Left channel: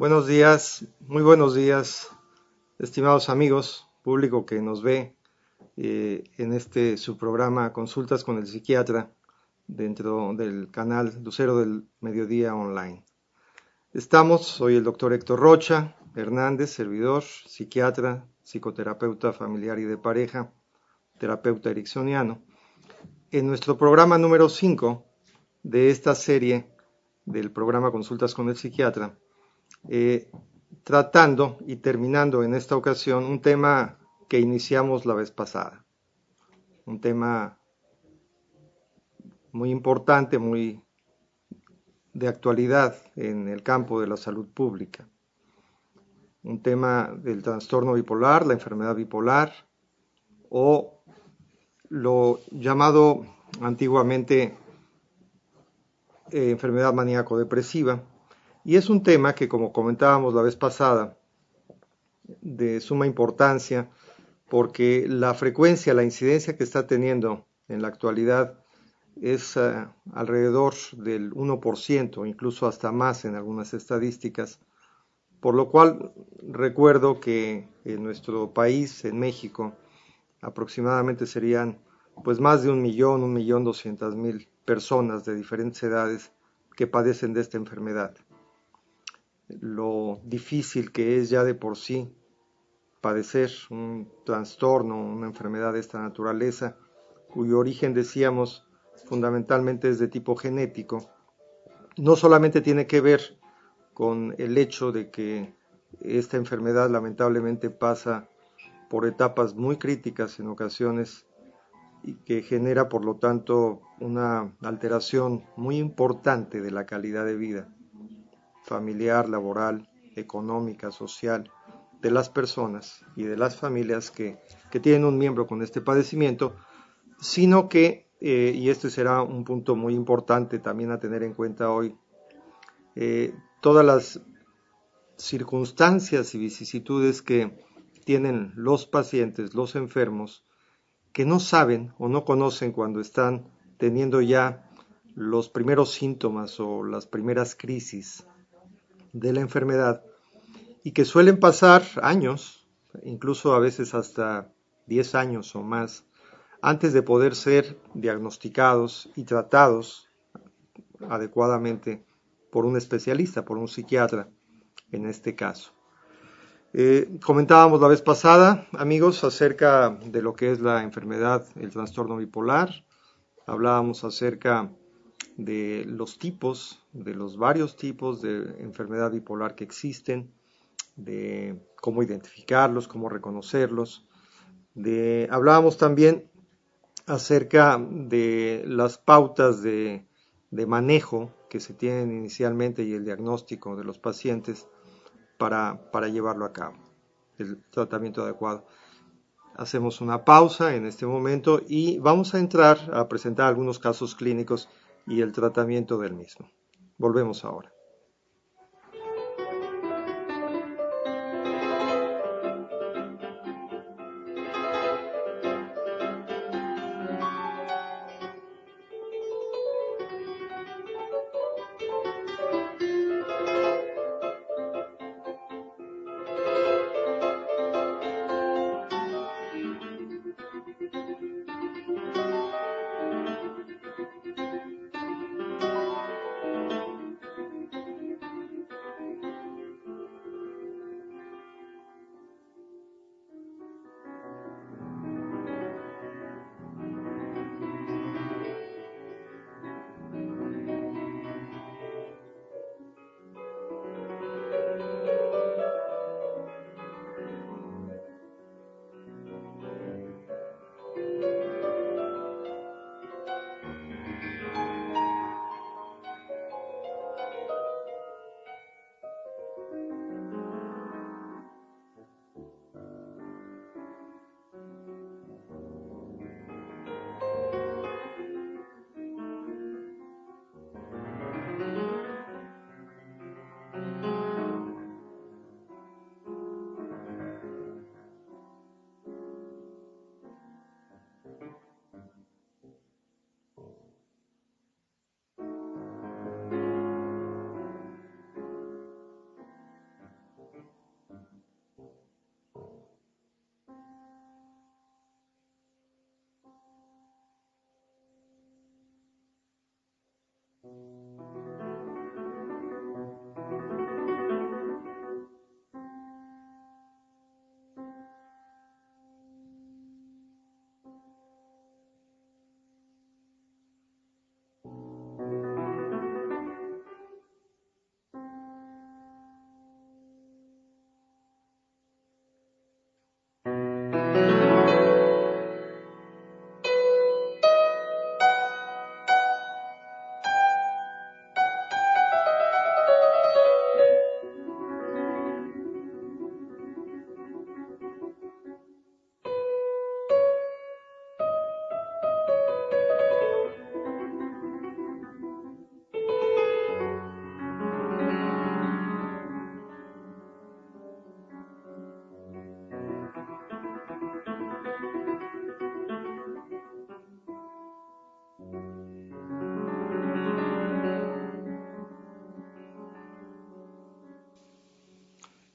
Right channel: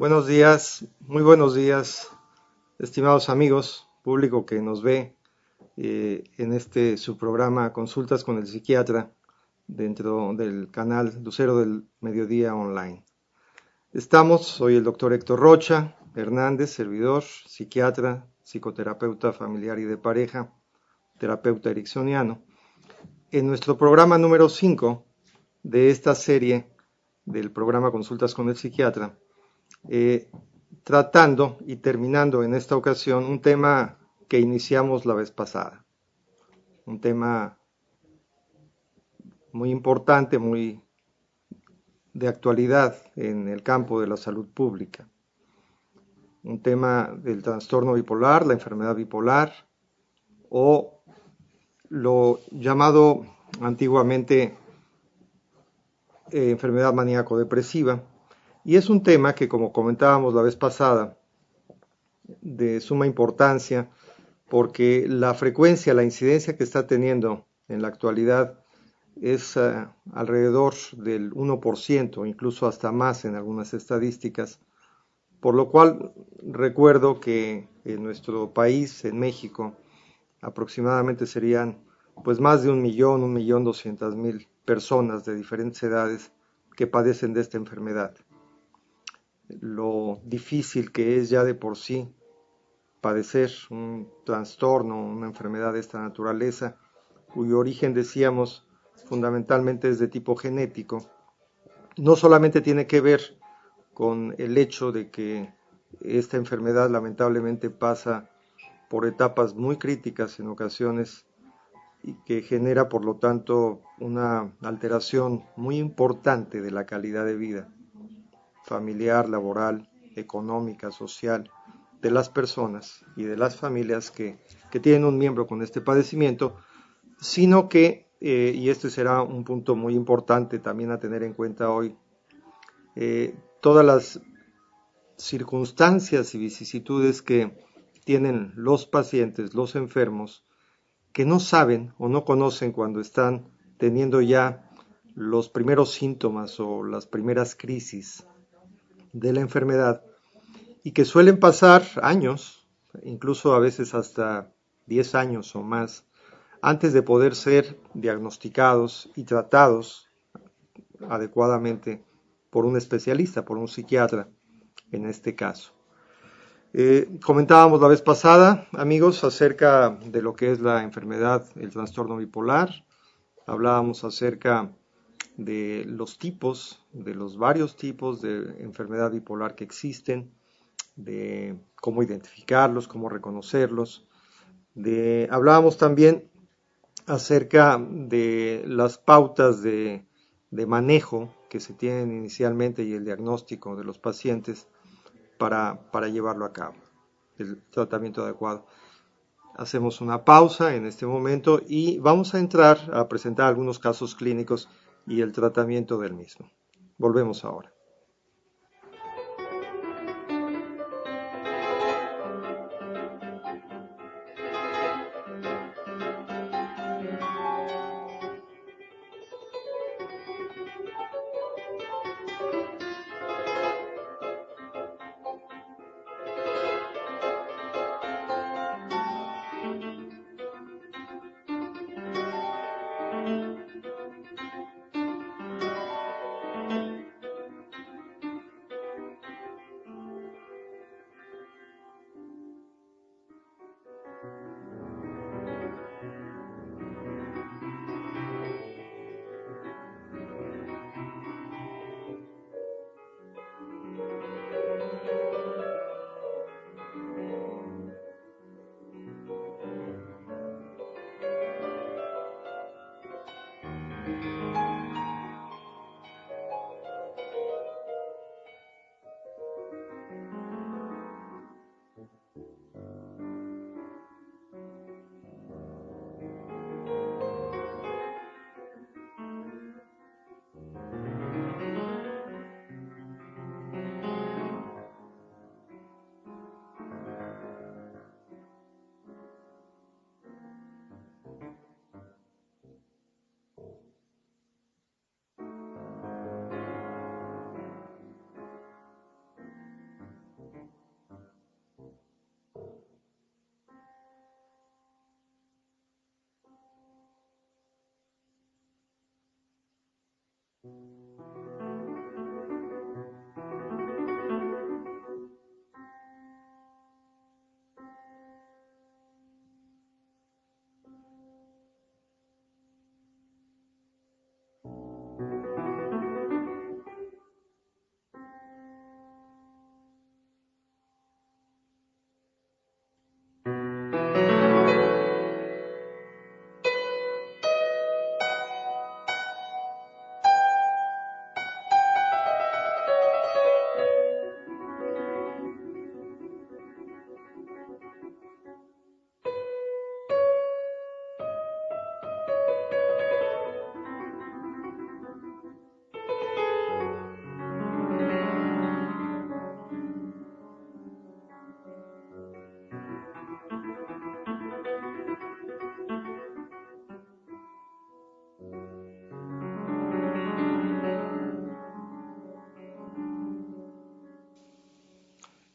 Buenos días, muy buenos días, estimados amigos, público que nos ve en este su programa Consultas con el Psiquiatra dentro del canal Lucero del Mediodía Online. Soy el doctor Héctor Rocha Hernández, servidor, psiquiatra, psicoterapeuta familiar y de pareja, terapeuta ericksoniano, en nuestro programa número 5 de esta serie del programa Consultas con el Psiquiatra. Tratando y terminando en esta ocasión un tema que iniciamos la vez pasada, un tema muy importante, muy de actualidad en el campo de la salud pública, un tema del trastorno bipolar, la enfermedad bipolar o lo llamado antiguamente enfermedad maníaco-depresiva, y es un tema que, como comentábamos la vez pasada, de suma importancia porque la frecuencia, la incidencia que está teniendo en la actualidad es alrededor del 1%, incluso hasta más en algunas estadísticas, por lo cual recuerdo que en nuestro país, en México, aproximadamente serían pues más de 1.200.000 personas de diferentes edades que padecen de esta enfermedad. Lo difícil que es ya de por sí padecer un trastorno, una enfermedad de esta naturaleza, cuyo origen, decíamos, fundamentalmente es de tipo genético, no solamente tiene que ver con el hecho de que esta enfermedad lamentablemente pasa por etapas muy críticas en ocasiones y que genera por lo tanto una alteración muy importante de la calidad de vida familiar, laboral, económica, social de las personas y de las familias que tienen un miembro con este padecimiento, sino que, y este será un punto muy importante también a tener en cuenta hoy, todas las circunstancias y vicisitudes que tienen los pacientes, los enfermos, que no saben o no conocen cuando están teniendo ya los primeros síntomas o las primeras crisis de la enfermedad y que suelen pasar años, incluso a veces hasta 10 años o más, antes de poder ser diagnosticados y tratados adecuadamente por un especialista, por un psiquiatra en este caso. Comentábamos la vez pasada, amigos, acerca de lo que es la enfermedad, el trastorno bipolar. Hablábamos acerca de los tipos, de los varios tipos de enfermedad bipolar que existen, de cómo identificarlos, cómo reconocerlos. Hablábamos también acerca de las pautas de manejo que se tienen inicialmente y el diagnóstico de los pacientes para llevarlo a cabo, el tratamiento adecuado. Hacemos una pausa en este momento y vamos a entrar a presentar algunos casos clínicos y el tratamiento del mismo. Volvemos ahora.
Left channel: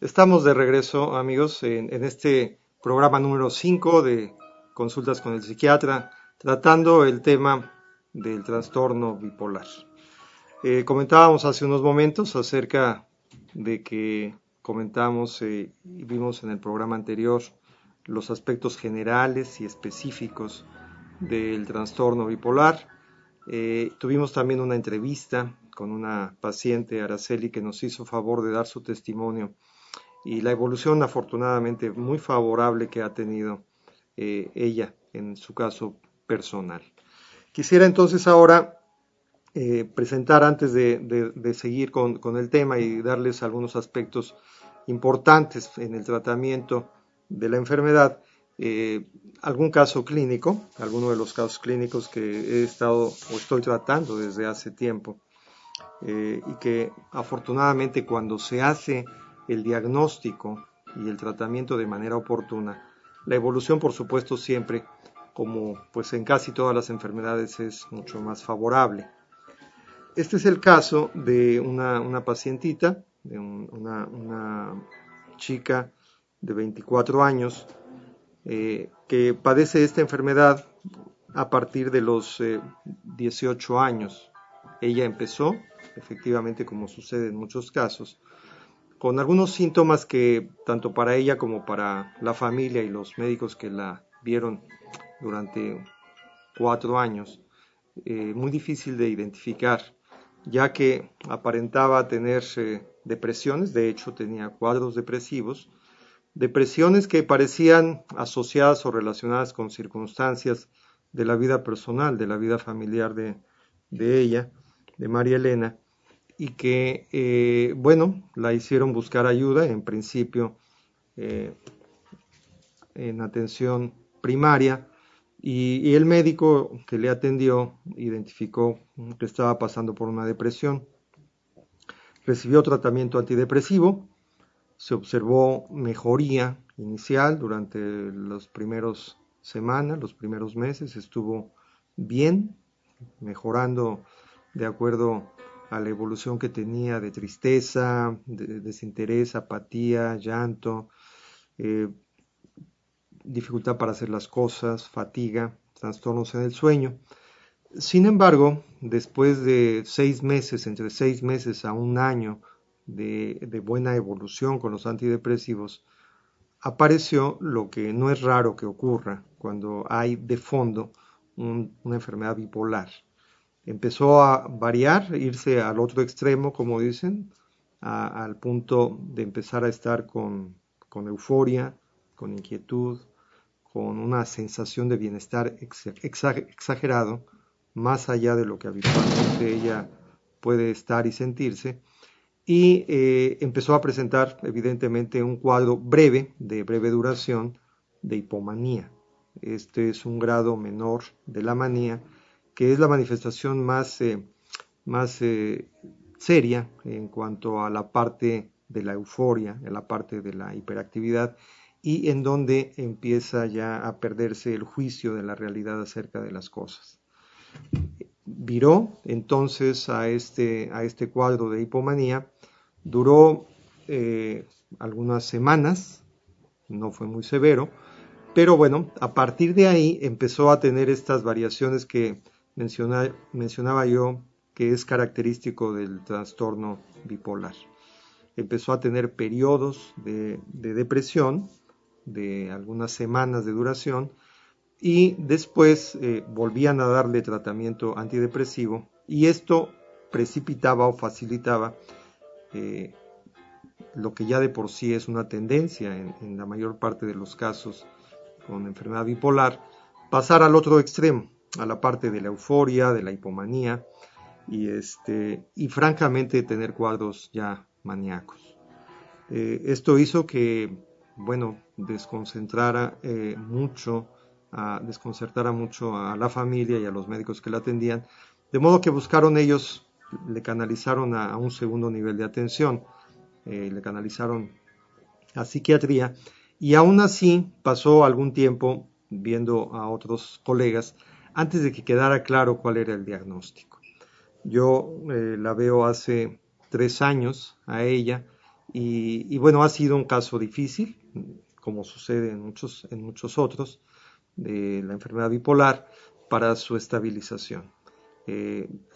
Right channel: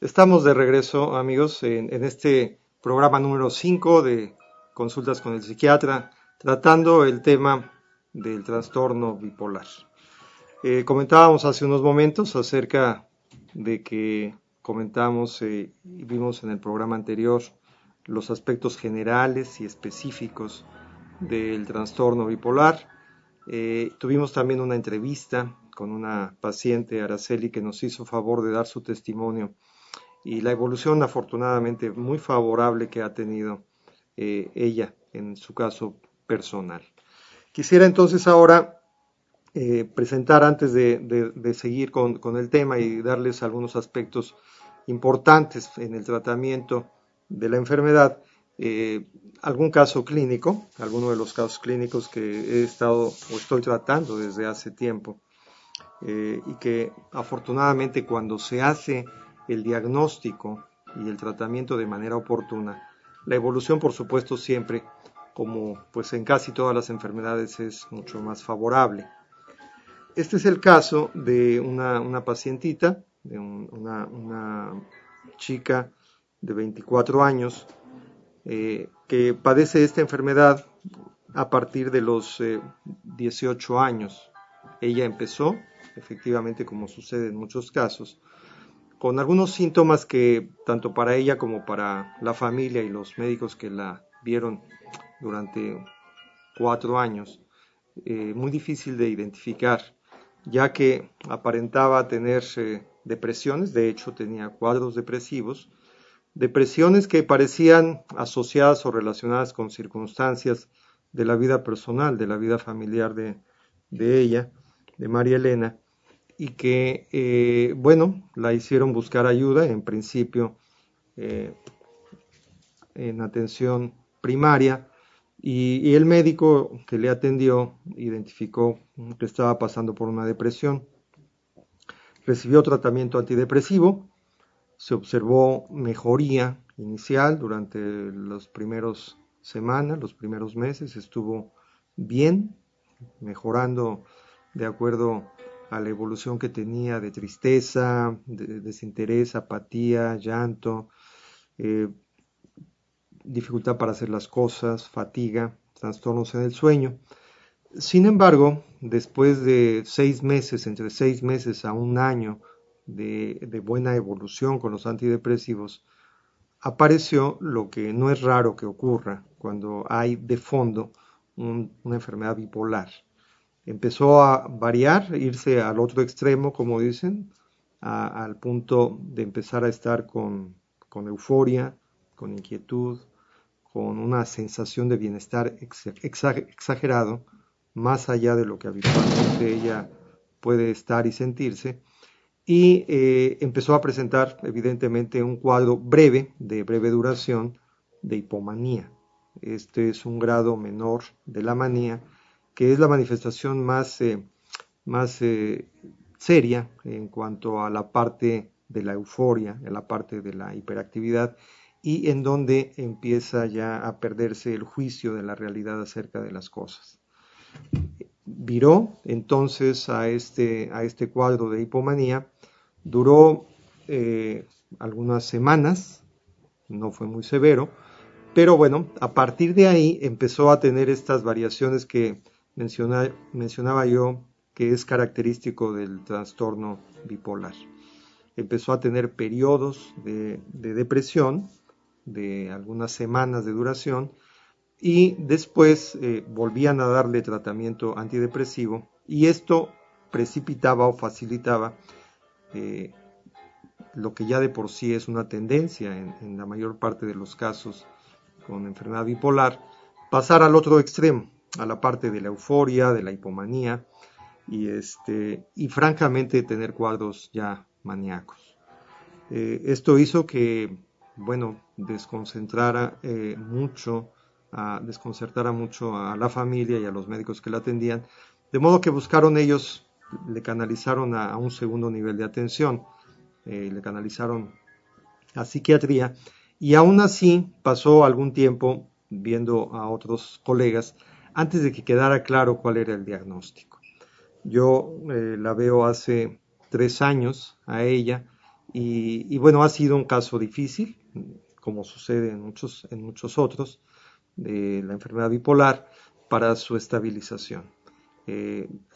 Estamos de regreso, amigos, en este programa número 5 de Consultas con el Psiquiatra, tratando el tema del trastorno bipolar. Comentábamos hace unos momentos acerca de que comentamos y vimos en el programa anterior los aspectos generales y específicos del trastorno bipolar. Tuvimos también una entrevista con una paciente, Araceli, que nos hizo favor de dar su testimonio y la evolución afortunadamente muy favorable que ha tenido ella en su caso personal. Quisiera entonces ahora presentar, antes de seguir con el tema y darles algunos aspectos importantes en el tratamiento de la enfermedad, algún caso clínico, alguno de los casos clínicos que he estado o estoy tratando desde hace tiempo, y que afortunadamente cuando se hace el diagnóstico y el tratamiento de manera oportuna, la evolución por supuesto siempre, como pues en casi todas las enfermedades, es mucho más favorable. Este es el caso de una pacientita, de una chica de 24 años que padece esta enfermedad a partir de los 18 años. Ella empezó, efectivamente, como sucede en muchos casos, con algunos síntomas que tanto para ella como para la familia y los médicos que la vieron durante 4 años, muy difícil de identificar, ya que aparentaba tener depresiones. De hecho tenía cuadros depresivos, depresiones que parecían asociadas o relacionadas con circunstancias de la vida personal, de la vida familiar de ella, de María Elena, y que, bueno, la hicieron buscar ayuda, en principio en atención primaria, y el médico que le atendió identificó que estaba pasando por una depresión. Recibió tratamiento antidepresivo, se observó mejoría inicial durante las primeras semanas, los primeros meses, estuvo bien, mejorando de acuerdo a la evolución que tenía de tristeza, de desinterés, apatía, llanto, dificultad para hacer las cosas, fatiga, trastornos en el sueño. Sin embargo, después de 6 meses, entre 6 meses a un año de buena evolución con los antidepresivos, apareció lo que no es raro que ocurra cuando hay de fondo una enfermedad bipolar. Empezó a variar, irse al otro extremo, como dicen, al punto de empezar a estar con euforia, con inquietud, con una sensación de bienestar exagerado, más allá de lo que habitualmente ella puede estar y sentirse, y empezó a presentar evidentemente un cuadro breve, de breve duración, de hipomanía. Este es un grado menor de la manía, que es la manifestación más seria en cuanto a la parte de la euforia, en la parte de la hiperactividad, y en donde empieza ya a perderse el juicio de la realidad acerca de las cosas. Viró entonces a este cuadro de hipomanía, duró algunas semanas, no fue muy severo, pero bueno, a partir de ahí empezó a tener estas variaciones que mencionaba yo, que es característico del trastorno bipolar. Empezó a tener periodos de depresión, de algunas semanas de duración, y después volvían a darle tratamiento antidepresivo, y esto precipitaba o facilitaba lo que ya de por sí es una tendencia en la mayor parte de los casos con enfermedad bipolar, pasar al otro extremo, a la parte de la euforia, de la hipomanía, y francamente tener cuadros ya maníacos. Esto hizo que, bueno, desconcertara mucho a la familia y a los médicos que la atendían, de modo que buscaron ellos, le canalizaron a un segundo nivel de atención, le canalizaron a psiquiatría, y aún así pasó algún tiempo viendo a otros colegas antes de que quedara claro cuál era el diagnóstico. Yo la veo hace 3 años a ella, Y bueno, ha sido un caso difícil, como sucede en muchos otros, de la enfermedad bipolar, para su estabilización.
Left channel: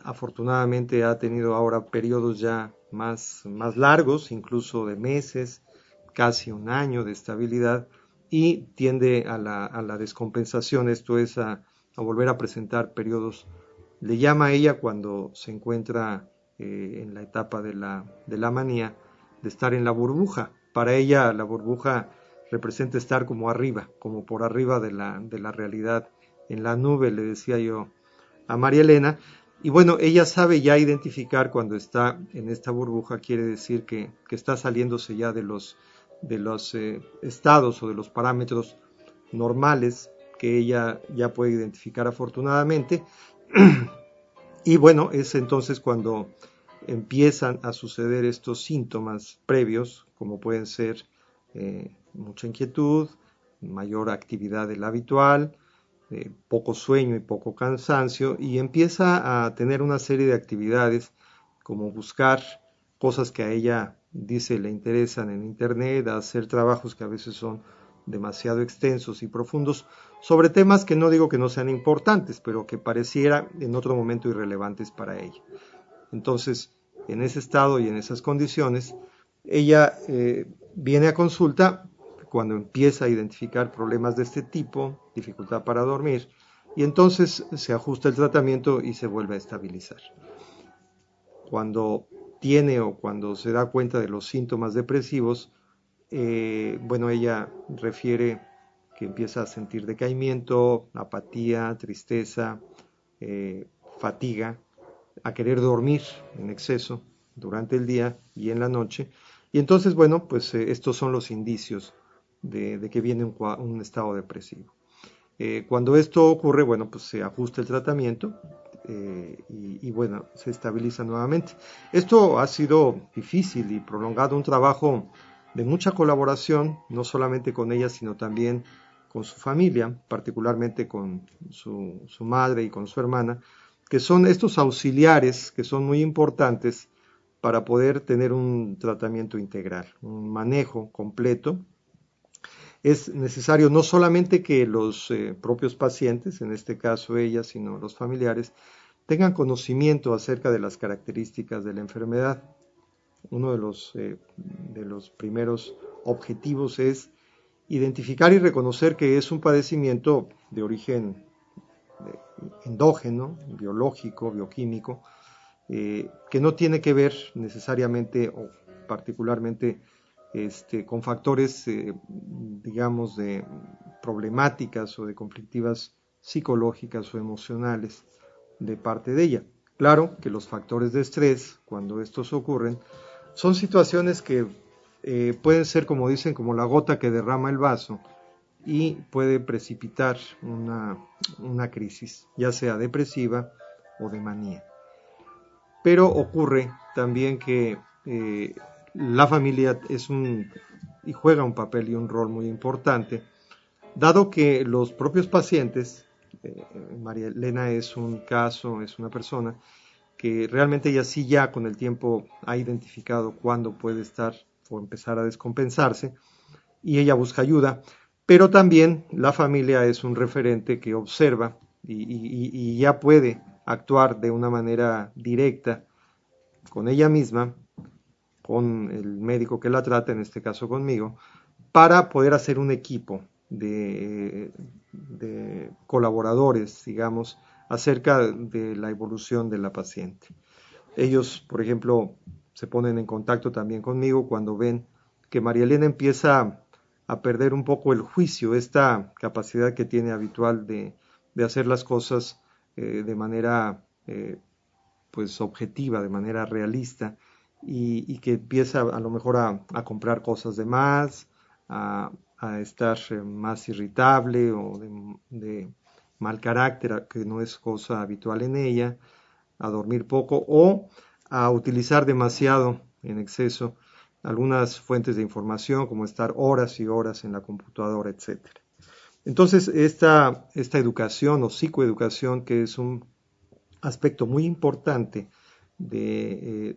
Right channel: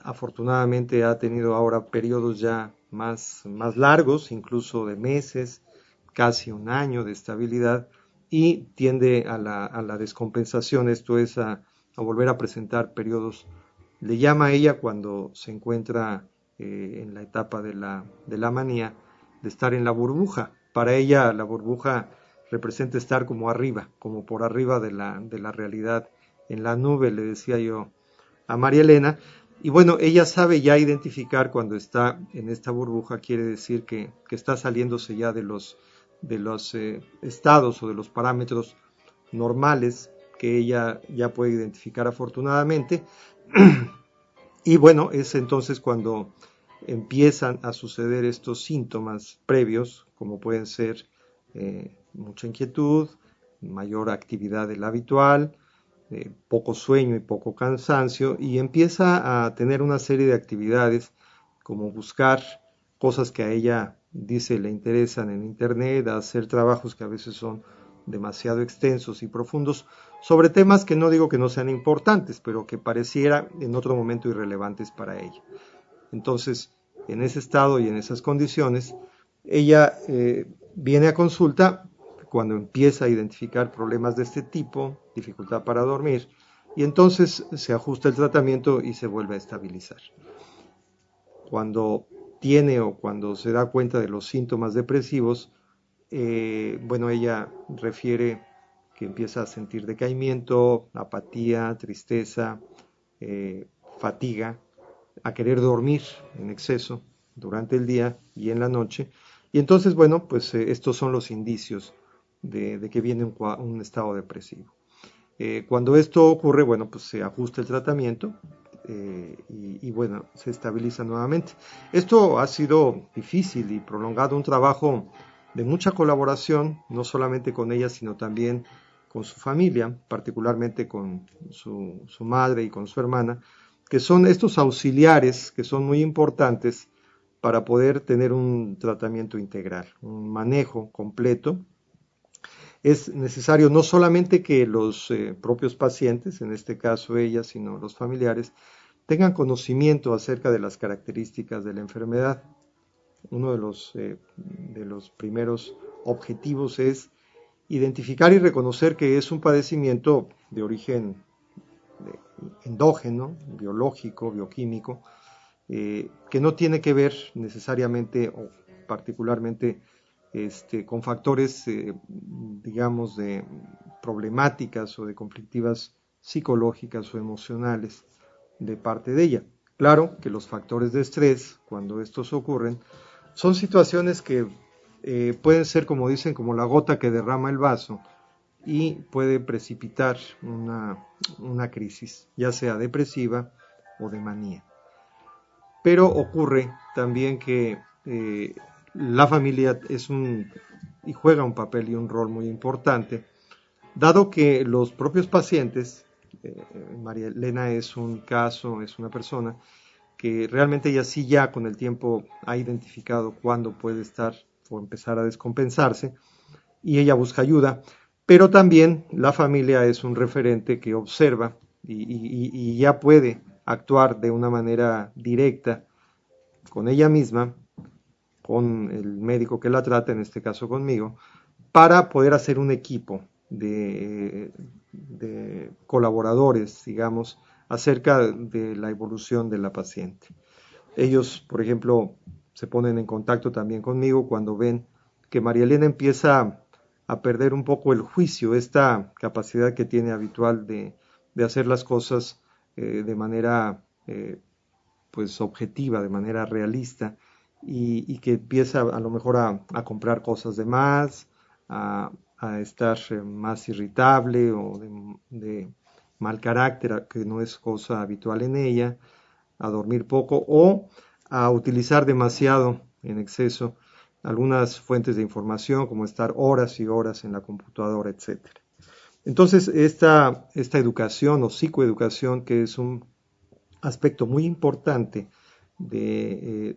Afortunadamente ha tenido ahora periodos ya más largos, incluso de meses, casi un año de estabilidad, y tiende a la descompensación, esto es a volver a presentar periodos. Le llama a ella cuando se encuentra en la etapa de la manía, de estar en la burbuja. Para ella la burbuja representa estar como arriba, como por arriba de la realidad, en la nube, le decía yo a María Elena. Y bueno, ella sabe ya identificar cuando está en esta burbuja, quiere decir que está saliéndose ya de los estados o de los parámetros normales que ella ya puede identificar afortunadamente. Y bueno, es entonces cuando empiezan a suceder estos síntomas previos, como pueden ser mucha inquietud, mayor actividad de la habitual, poco sueño y poco cansancio, y empieza a tener una serie de actividades como buscar cosas que a ella dice le interesan en internet, a hacer trabajos que a veces son demasiado extensos y profundos sobre temas que no digo que no sean importantes, pero que pareciera en otro momento irrelevantes para ella. Entonces, en ese estado y en esas condiciones, ella viene a consulta cuando empieza a identificar problemas de este tipo, dificultad para dormir, y entonces se ajusta el tratamiento y se vuelve a estabilizar. Cuando tiene o cuando se da cuenta de los síntomas depresivos, bueno, ella refiere que empieza a sentir decaimiento, apatía, tristeza, fatiga, a querer dormir en exceso durante el día y en la noche. Y entonces, bueno, pues estos son los indicios de que viene un estado depresivo. Cuando esto ocurre, bueno, pues se ajusta el tratamiento y bueno, se estabiliza nuevamente. Esto ha sido difícil y prolongado, un trabajo de mucha colaboración, no solamente con ella, sino también con su familia, particularmente con su madre y con su hermana, que son estos auxiliares que son muy importantes para poder tener un tratamiento integral, un manejo completo. Es necesario no solamente que los propios pacientes, en este caso ella, sino los familiares, tengan conocimiento acerca de las características de la enfermedad. Uno de los primeros objetivos es identificar y reconocer que es un padecimiento de origen endógeno, biológico, bioquímico, que no tiene que ver necesariamente o particularmente con factores, digamos, de problemáticas o de conflictivas psicológicas o emocionales de parte de ella. Claro que los factores de estrés, cuando estos ocurren, son situaciones que pueden ser, como dicen, como la gota que derrama el vaso y puede precipitar una crisis, ya sea depresiva o de manía. Pero ocurre también que la familia y juega un papel y un rol muy importante, dado que los propios pacientes, María Elena es un caso, es una persona que realmente ella sí ya con el tiempo ha identificado cuándo puede estar o empezar a descompensarse y ella busca ayuda, pero también la familia es un referente que observa y ya puede actuar de una manera directa con ella misma, con el médico que la trata, en este caso conmigo, para poder hacer un equipo de colaboradores, digamos, acerca de la evolución de la paciente. Ellos, por ejemplo, se ponen en contacto también conmigo cuando ven que María Elena empieza a perder un poco el juicio, esta capacidad que tiene habitual de hacer las cosas de manera pues objetiva, de manera realista, y que empieza a lo mejor a comprar cosas de más, a estar más irritable o de mal carácter, que no es cosa habitual en ella, a dormir poco o a utilizar demasiado en exceso algunas fuentes de información, como estar horas y horas en la computadora, etc. Entonces, esta educación o psicoeducación, que es un aspecto muy importante del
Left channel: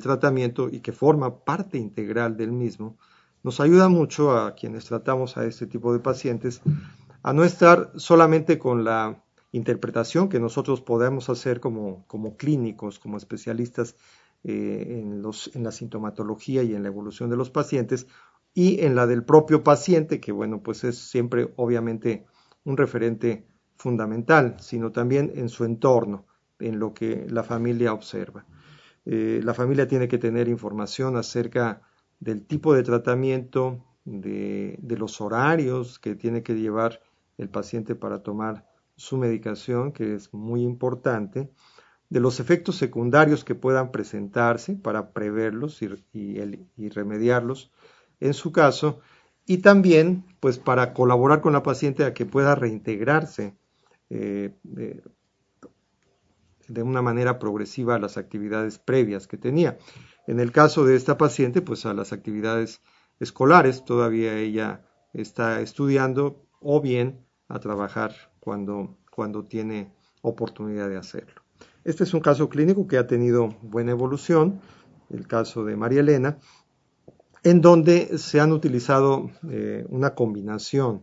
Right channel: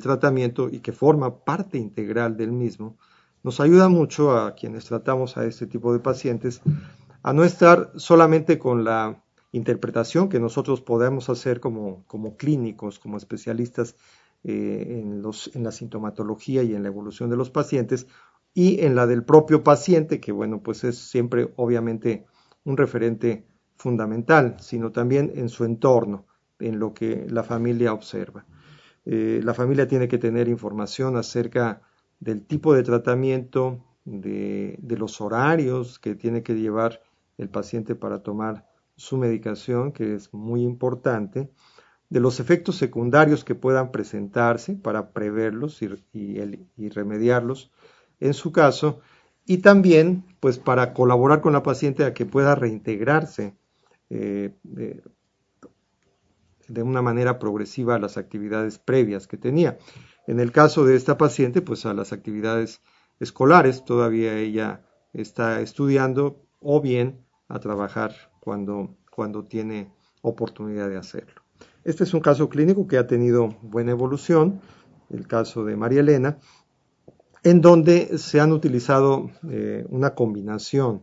tratamiento y que forma parte integral del mismo, nos ayuda mucho a quienes tratamos a este tipo de pacientes a no estar solamente con la interpretación que nosotros podemos hacer como clínicos, como especialistas en la sintomatología y en la evolución de los pacientes, y en la del propio paciente, que bueno, pues es siempre obviamente un referente fundamental, sino también en su entorno, en lo que la familia observa. La familia tiene que tener información acerca del tipo de tratamiento, de los horarios que tiene que llevar el paciente para tomar su medicación, que es muy importante, de los efectos secundarios que puedan presentarse para preverlos y remediarlos en su caso, y también pues para colaborar con la paciente a que pueda reintegrarse eh, de una manera progresiva a las actividades previas que tenía. En el caso de esta paciente, pues a las actividades escolares, todavía ella está estudiando o bien a trabajar cuando tiene oportunidad de hacerlo. Este es un caso clínico que ha tenido buena evolución, el caso de María Elena, en donde se han utilizado una combinación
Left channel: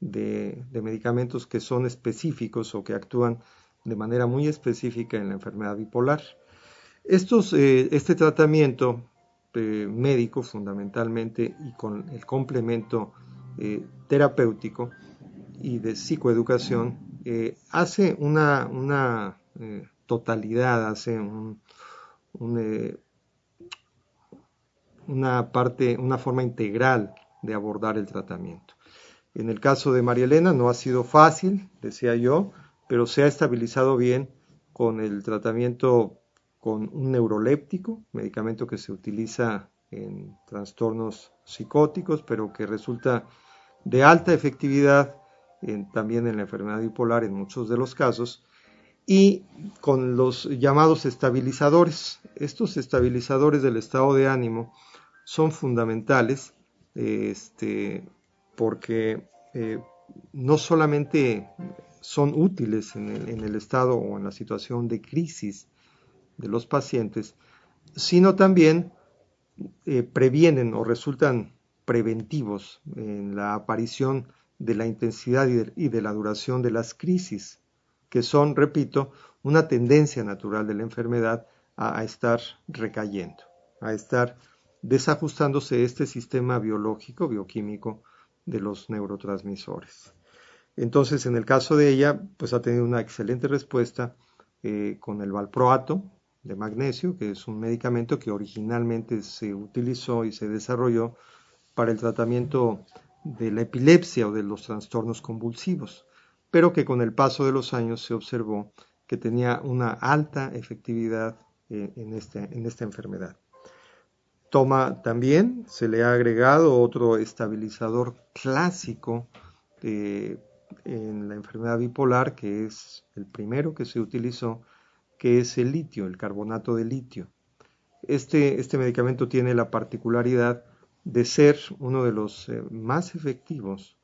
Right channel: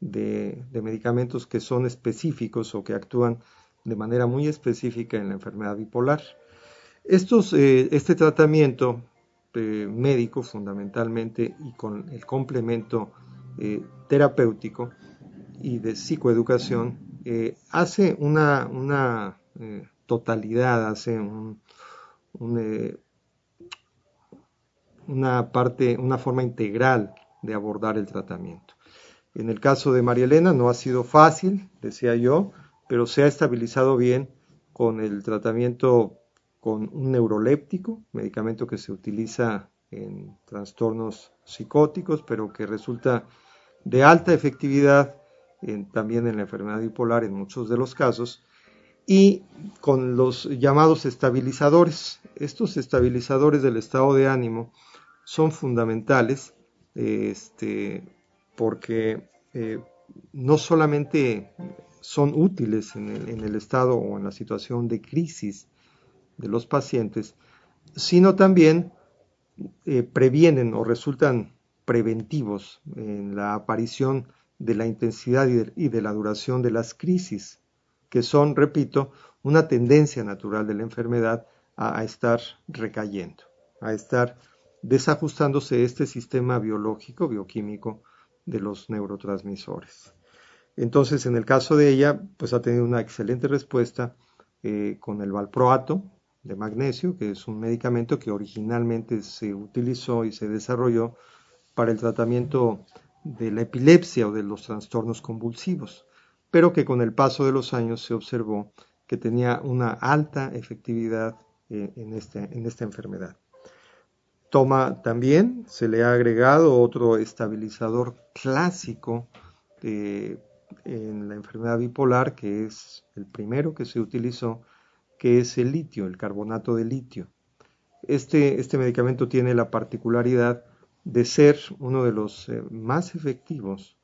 de medicamentos que son específicos o que actúan de manera muy específica en la enfermedad bipolar. Este tratamiento médico fundamentalmente y con el complemento terapéutico y de psicoeducación hace una totalidad, hace una forma integral de abordar el tratamiento. En el caso de María Elena no ha sido fácil, decía yo, pero se ha estabilizado bien con el tratamiento con un neuroléptico, medicamento que se utiliza en trastornos psicóticos, pero que resulta de alta efectividad también en la enfermedad bipolar en muchos de los casos, y con los llamados estabilizadores. Estos estabilizadores del estado de ánimo son fundamentales porque no solamente son útiles en el estado o en la situación de crisis de los pacientes, sino también previenen o resultan preventivos en la aparición de la intensidad y de la duración de las crisis, que son, repito, una tendencia natural de la enfermedad a estar recayendo, a estar desajustándose este sistema biológico, bioquímico de los neurotransmisores. Entonces, en el caso de ella, pues ha tenido una excelente respuesta con el valproato de magnesio, que es un medicamento que originalmente se utilizó y se desarrolló para el tratamiento de la epilepsia o de los trastornos convulsivos, pero que con el paso de los años se observó que tenía una alta efectividad en esta enfermedad. También se le ha agregado otro estabilizador clásico en la enfermedad bipolar, que es el primero que se utilizó, que es el litio, el carbonato de litio. Este medicamento tiene la particularidad de ser uno de los más efectivos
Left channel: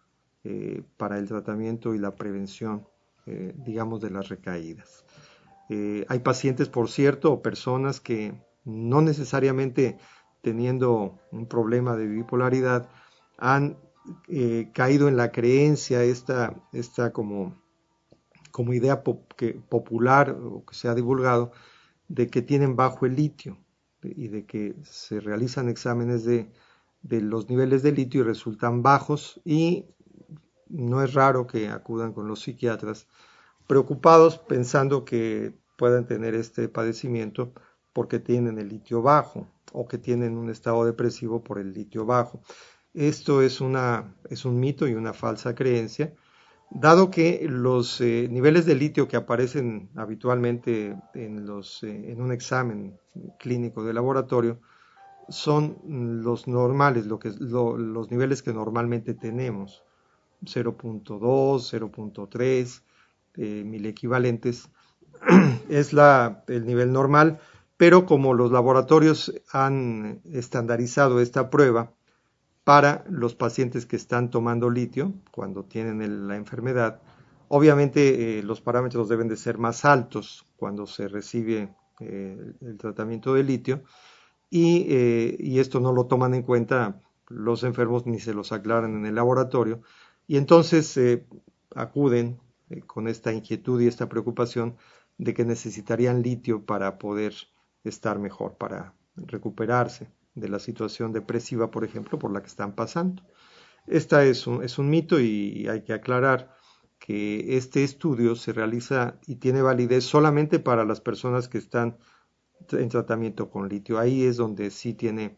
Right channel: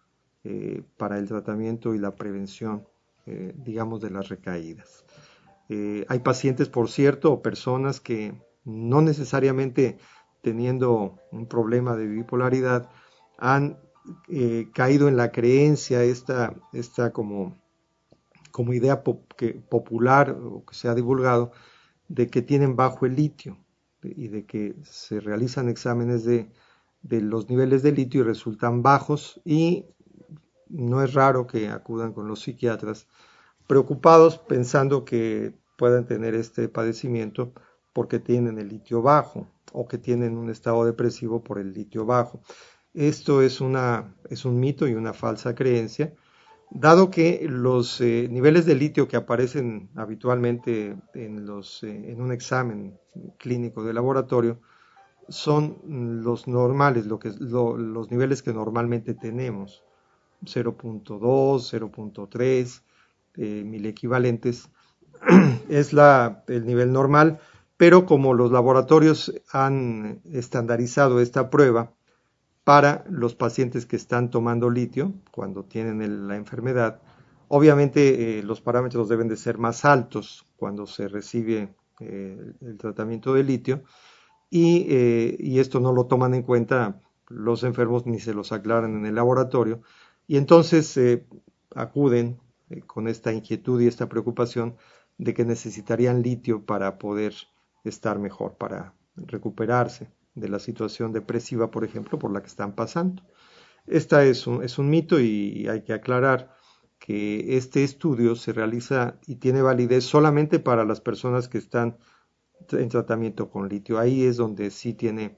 para el tratamiento y la prevención, digamos, de las recaídas. Hay pacientes, por cierto, o personas que no necesariamente teniendo un problema de bipolaridad han caído en la creencia, esta como idea popular o que se ha divulgado, de que tienen bajo el litio y de que se realizan exámenes de los niveles de litio y resultan bajos, y no es raro que acudan con los psiquiatras preocupados pensando que puedan tener este padecimiento porque tienen el litio bajo o que tienen un estado depresivo por el litio bajo. Esto es un mito y una falsa creencia, dado que los niveles de litio que aparecen habitualmente en un examen clínico de laboratorio son los normales, los niveles que normalmente tenemos, 0.2, 0.3 mil equivalentes, es el nivel normal, pero como los laboratorios han estandarizado esta prueba para los pacientes que están tomando litio cuando tienen la enfermedad, Obviamente los parámetros deben de ser más altos cuando se recibe el tratamiento de litio y esto no lo toman en cuenta los enfermos ni se los aclaran en el laboratorio y entonces acuden con esta inquietud y esta preocupación de que necesitarían litio para poder estar mejor, para recuperarse de la situación depresiva, por ejemplo, por la que están pasando. Esta es un mito y hay que aclarar que este estudio se realiza y tiene validez solamente para las personas que están en tratamiento con litio. Ahí es donde sí tiene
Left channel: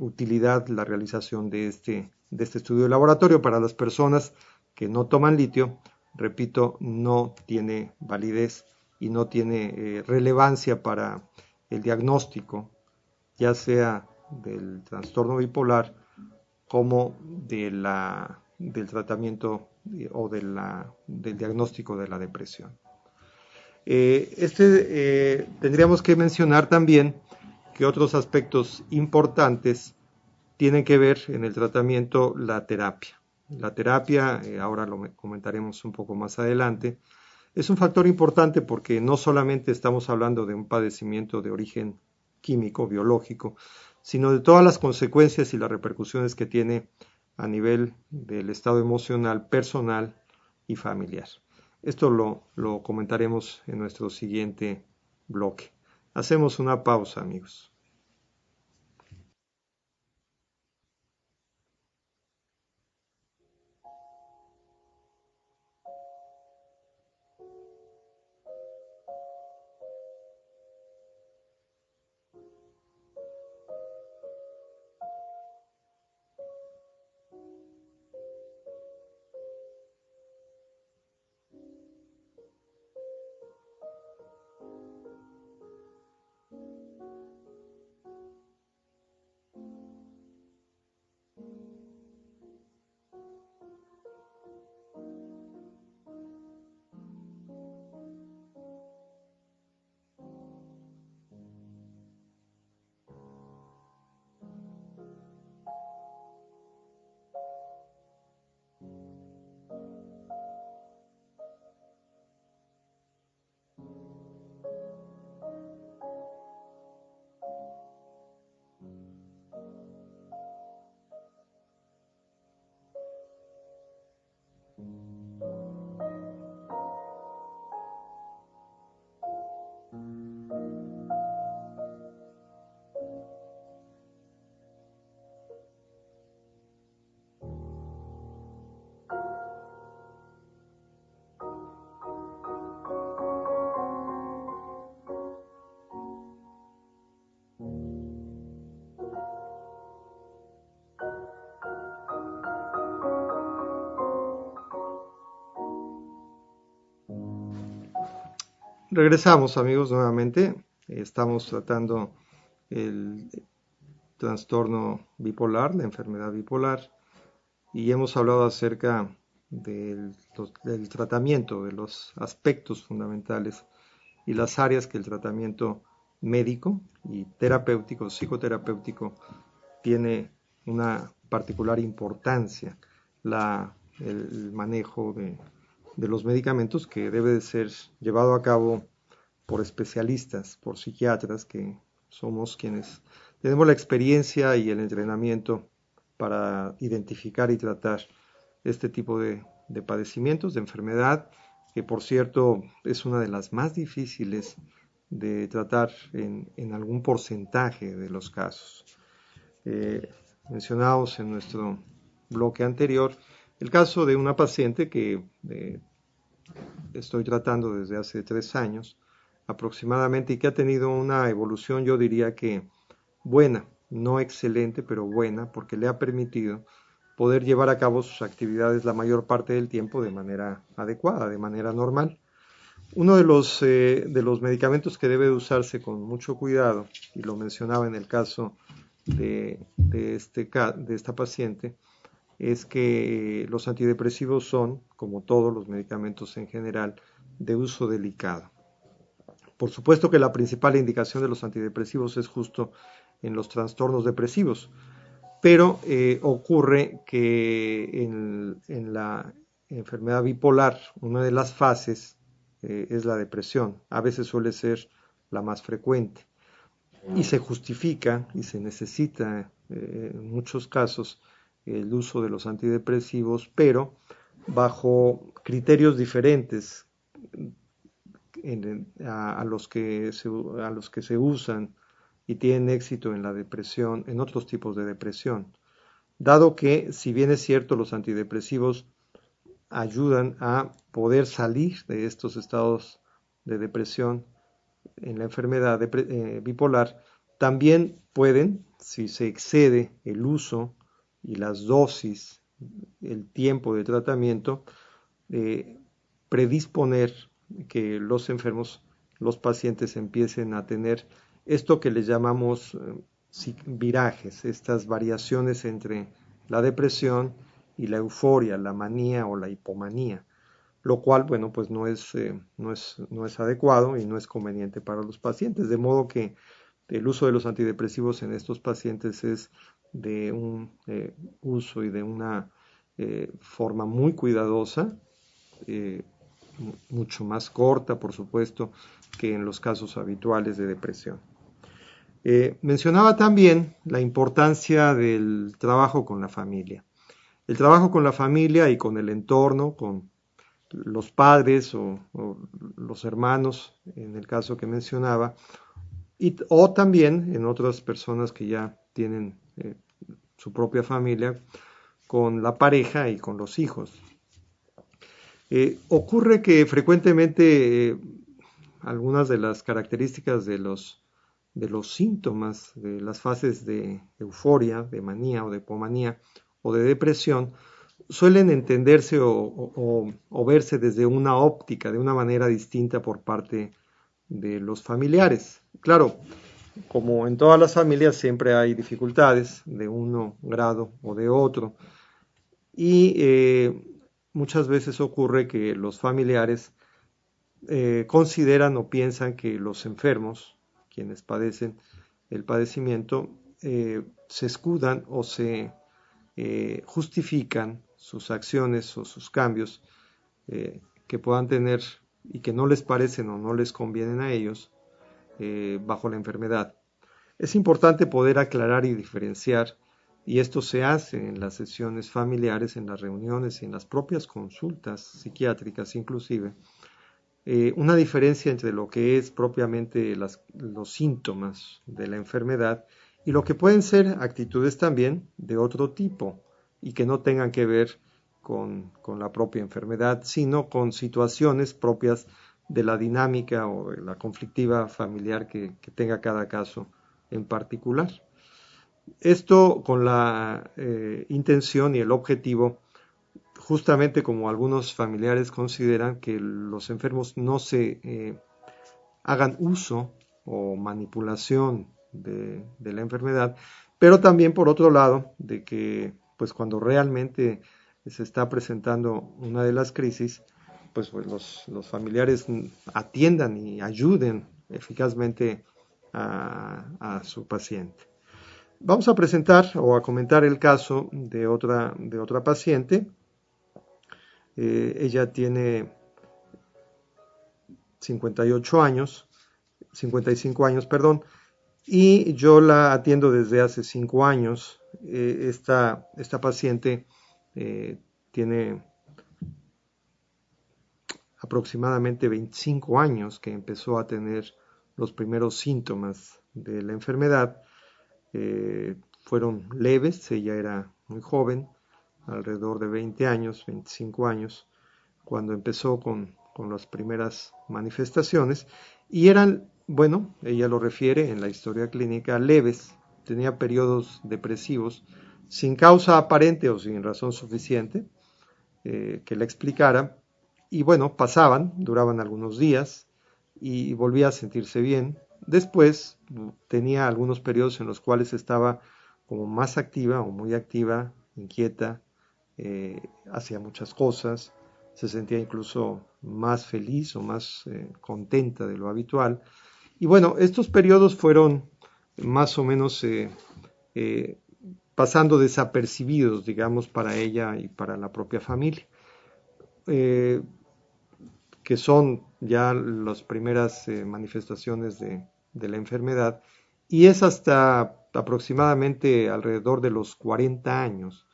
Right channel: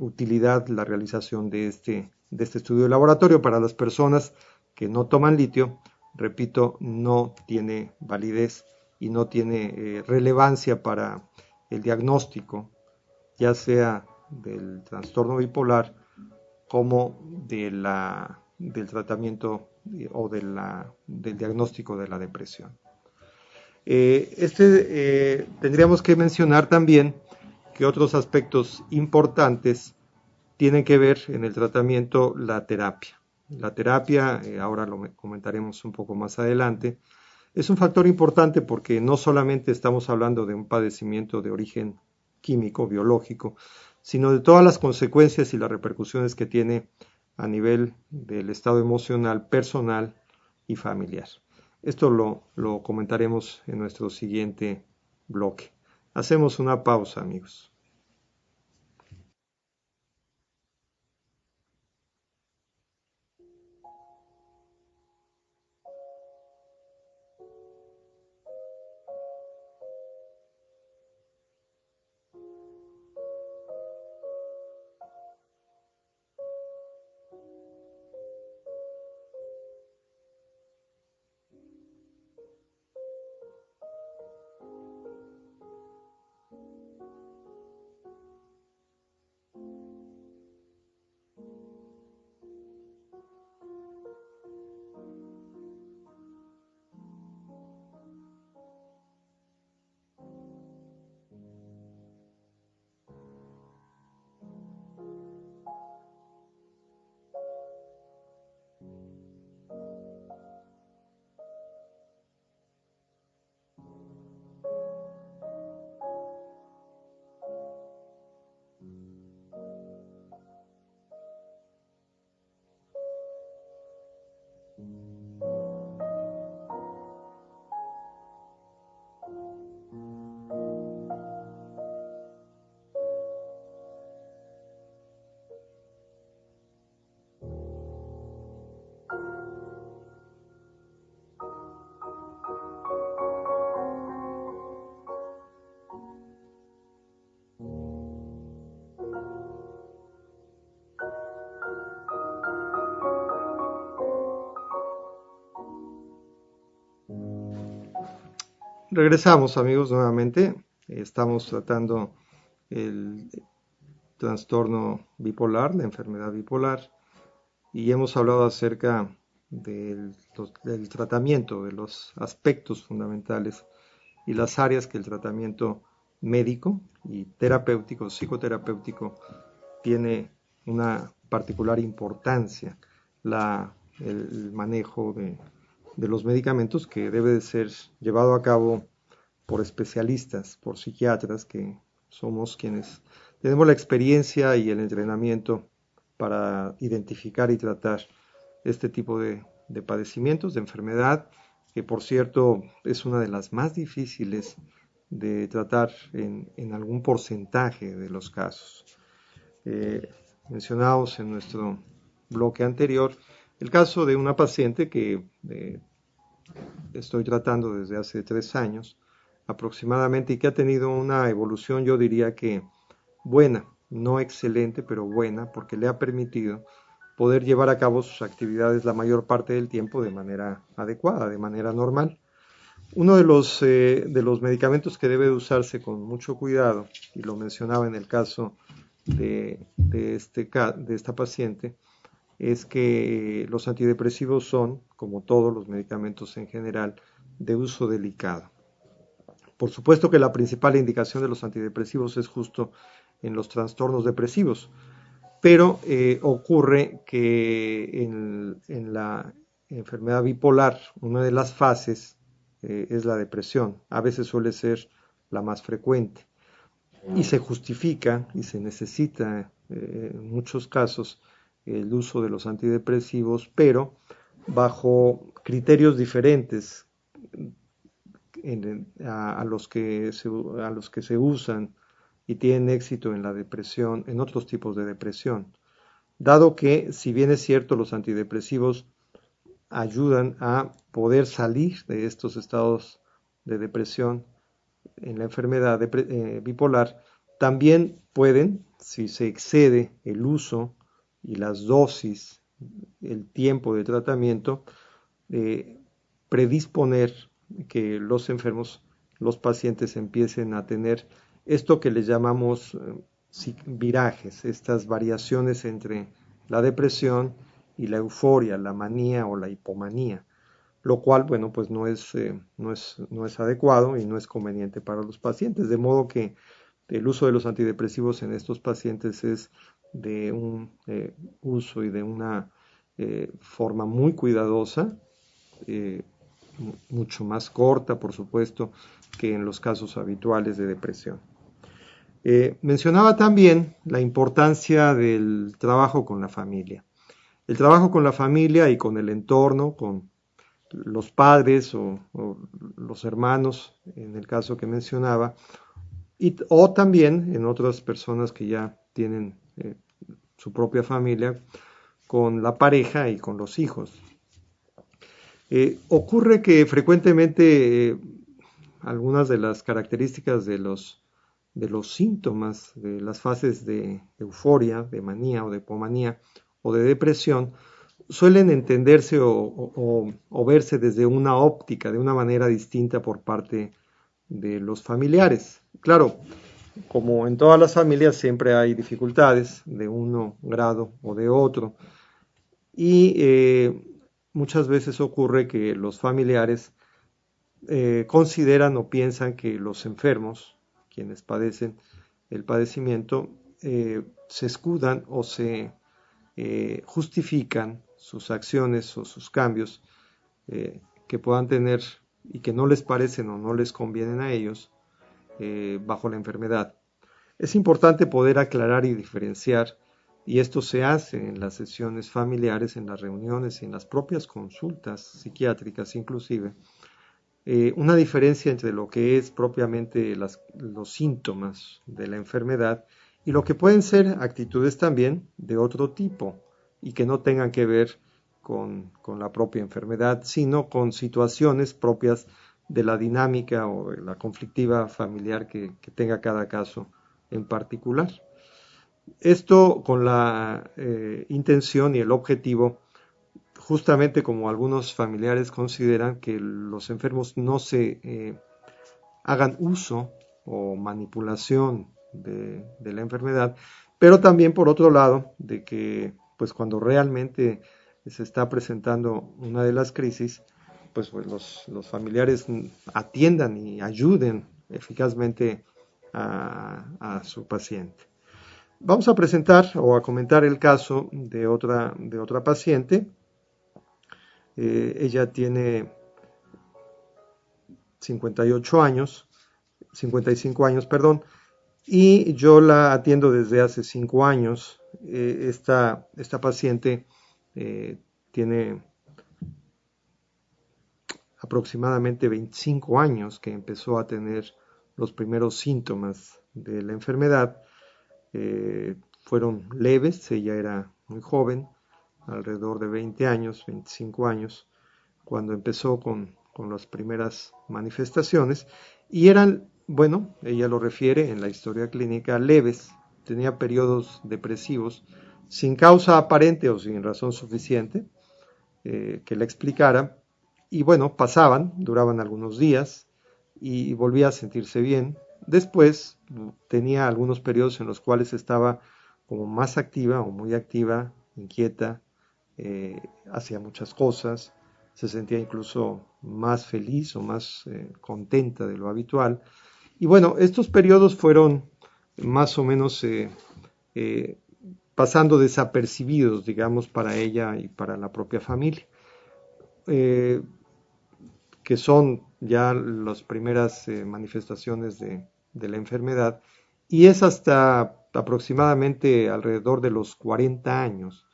utilidad la realización de este estudio de laboratorio. Para las personas que no toman litio, repito, no tiene validez y no tiene relevancia para el diagnóstico, ya sea del trastorno bipolar como del tratamiento o del diagnóstico de la depresión. Tendríamos que mencionar también que otros aspectos importantes tienen que ver en el tratamiento la terapia. La terapia, ahora lo comentaremos un poco más adelante, es un factor importante porque no solamente estamos hablando de un padecimiento de origen químico, biológico, sino de todas las consecuencias y las repercusiones que tiene a nivel del estado emocional, personal y familiar. Esto lo comentaremos en nuestro siguiente bloque. Hacemos una pausa, amigos. Regresamos, amigos, nuevamente. Estamos tratando el trastorno bipolar, la enfermedad bipolar, y hemos hablado acerca del tratamiento, de los aspectos fundamentales y las áreas que el tratamiento médico y terapéutico, psicoterapéutico, tiene una particular importancia, el manejo de los medicamentos que debe de ser llevado a cabo por especialistas, por psiquiatras, que somos quienes tenemos la experiencia y el entrenamiento para identificar y tratar este tipo de padecimientos, de enfermedad, que por cierto es una de las más difíciles de tratar en algún porcentaje de los casos. Mencionamos en nuestro bloque anterior el caso de una paciente que estoy tratando desde hace 3 años aproximadamente y que ha tenido una evolución, yo diría que buena, no excelente, pero buena, porque le ha permitido poder llevar a cabo sus actividades la mayor parte del tiempo de manera adecuada, de manera normal. Uno de los medicamentos que debe usarse con mucho cuidado, y lo mencionaba en el caso de esta paciente, es que los antidepresivos son, como todos los medicamentos en general, de uso delicado. Por supuesto que la principal indicación de los antidepresivos es justo en los trastornos depresivos, pero ocurre que en enfermedad bipolar, una de las fases es la depresión. A veces suele ser la más frecuente y se justifica y se necesita en muchos casos el uso de los antidepresivos, pero bajo criterios diferentes a los que se usan y tienen éxito en la depresión, en otros tipos de depresión. Dado que, si bien es cierto, los antidepresivos ayudan a poder salir de estos estados de depresión en la enfermedad bipolar, también pueden, si se excede el uso y las dosis, el tiempo de tratamiento, predisponer que los enfermos, los pacientes empiecen a tener esto que le llamamos virajes, estas variaciones entre la depresión y la euforia, la manía o la hipomanía, lo cual, bueno, pues no es adecuado y no es conveniente para los pacientes, de modo que el uso de los antidepresivos en estos pacientes es de un uso y de una forma muy cuidadosa, mucho más corta, por supuesto, que en los casos habituales de depresión. Mencionaba también la importancia del trabajo con la familia. El trabajo con la familia y con el entorno, con los padres o los hermanos, en el caso que mencionaba, o también en otras personas que ya tienen su propia familia, con la pareja y con los hijos. Ocurre que frecuentemente algunas de las características de los síntomas de las fases de euforia, de manía o de hipomanía o de depresión suelen entenderse o verse desde una óptica, de una manera distinta por parte de los familiares. Claro, como en todas las familias siempre hay dificultades de uno grado o de otro y muchas veces ocurre que los familiares consideran o piensan que los enfermos, quienes padecen el padecimiento, se escudan o se justifican sus acciones o sus cambios que puedan tener y que no les parecen o no les convienen a ellos bajo la enfermedad. Es importante poder aclarar y diferenciar, y esto se hace en las sesiones familiares, en las reuniones y en las propias consultas psiquiátricas inclusive, una diferencia entre lo que es propiamente los síntomas de la enfermedad y lo que pueden ser actitudes también de otro tipo y que no tengan que ver con la propia enfermedad, sino con situaciones propias de la dinámica o de la conflictiva familiar que tenga cada caso en particular. Esto con la intención y el objetivo, justamente como algunos familiares consideran, que los enfermos no se hagan uso o manipulación de la enfermedad, pero también por otro lado de que pues cuando realmente se está presentando una de las crisis, pues los familiares atiendan y ayuden eficazmente a su paciente. Vamos a presentar o a comentar el caso de otra paciente. Ella tiene 55 años, perdón, y yo la atiendo desde hace 5 años. Esta paciente tiene aproximadamente 25 años que empezó a tener los primeros síntomas de la enfermedad. Fueron leves, ella era muy joven, alrededor de 20 años, 25 años, cuando empezó con las primeras manifestaciones, y eran, bueno, ella lo refiere en la historia clínica, leves. Tenía periodos depresivos sin causa aparente o sin razón suficiente que la explicara, y bueno, duraban algunos días y volvía a sentirse bien. Después tenía algunos periodos en los cuales estaba como más activa o muy activa, inquieta, hacía muchas cosas, se sentía incluso más feliz o más contenta de lo habitual. Y bueno, estos periodos fueron más o menos pasando desapercibidos, digamos, para ella y para la propia familia. que son ya las primeras manifestaciones de la enfermedad, y es hasta aproximadamente alrededor de los 40 años,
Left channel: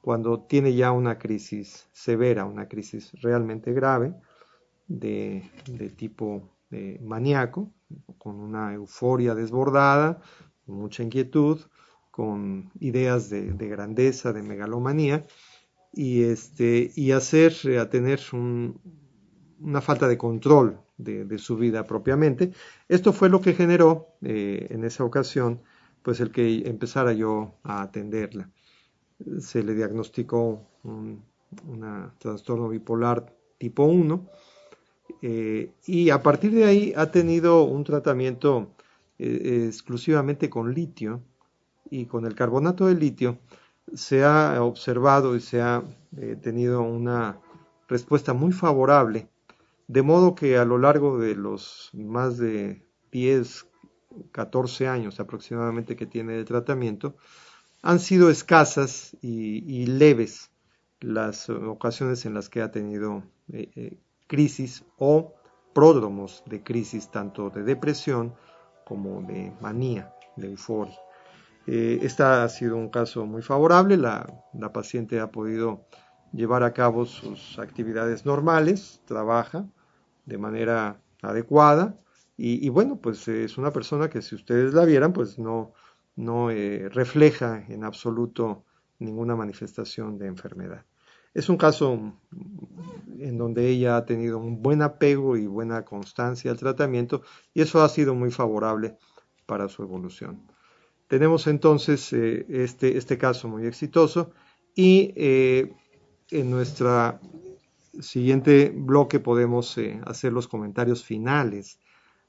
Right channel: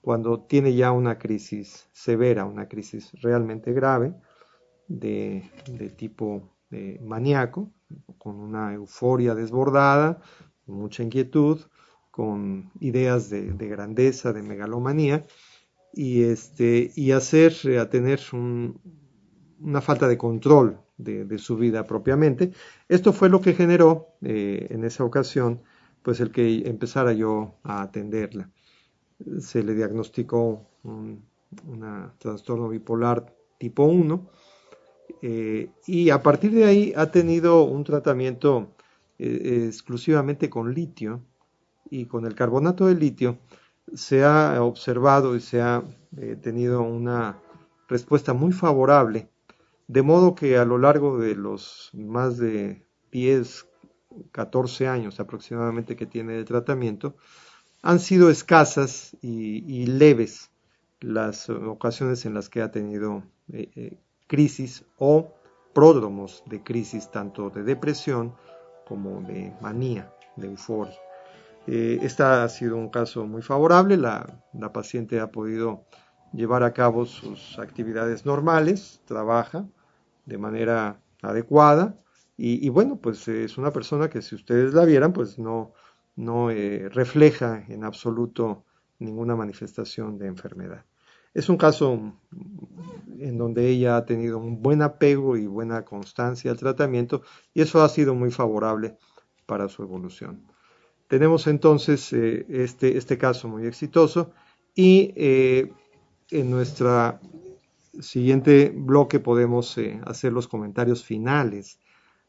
cuando tiene ya una crisis severa, una crisis realmente grave de tipo maníaco, con una euforia desbordada, con mucha inquietud, con ideas de grandeza, de megalomanía, y a tener una falta de control de su vida propiamente. Esto fue lo que generó en esa ocasión, pues el que empezara yo a atenderla. Se le diagnosticó un trastorno bipolar tipo 1, y a partir de ahí ha tenido un tratamiento exclusivamente con litio, y con el carbonato de litio se ha observado y se ha tenido una respuesta muy favorable, de modo que a lo largo de los más de 10, 14 años aproximadamente que tiene de tratamiento, han sido escasas y leves las ocasiones en las que ha tenido crisis o pródromos de crisis, tanto de depresión como de manía, de euforia. Esta ha sido un caso muy favorable. La paciente ha podido llevar a cabo sus actividades normales, trabaja de manera adecuada, y bueno, pues es una persona que, si ustedes la vieran, pues no refleja en absoluto ninguna manifestación de enfermedad. Es un caso en donde ella ha tenido un buen apego y buena constancia al tratamiento, y eso ha sido muy favorable para su evolución. Tenemos entonces este caso muy exitoso, y en nuestro siguiente bloque podemos hacer los comentarios finales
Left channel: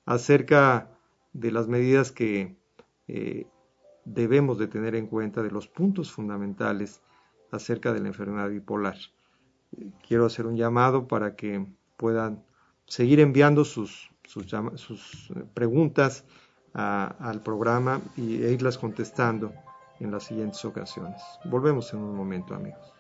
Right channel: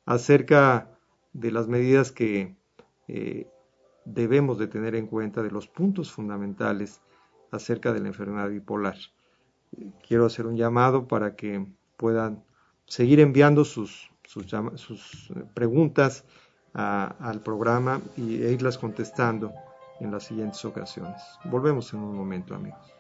acerca de las medidas que eh, debemos de tener en cuenta, de los puntos fundamentales acerca de la enfermedad bipolar. Quiero hacer un llamado para que puedan seguir enviando sus preguntas al programa e irlas contestando en las siguientes ocasiones. Volvemos en un momento, amigos.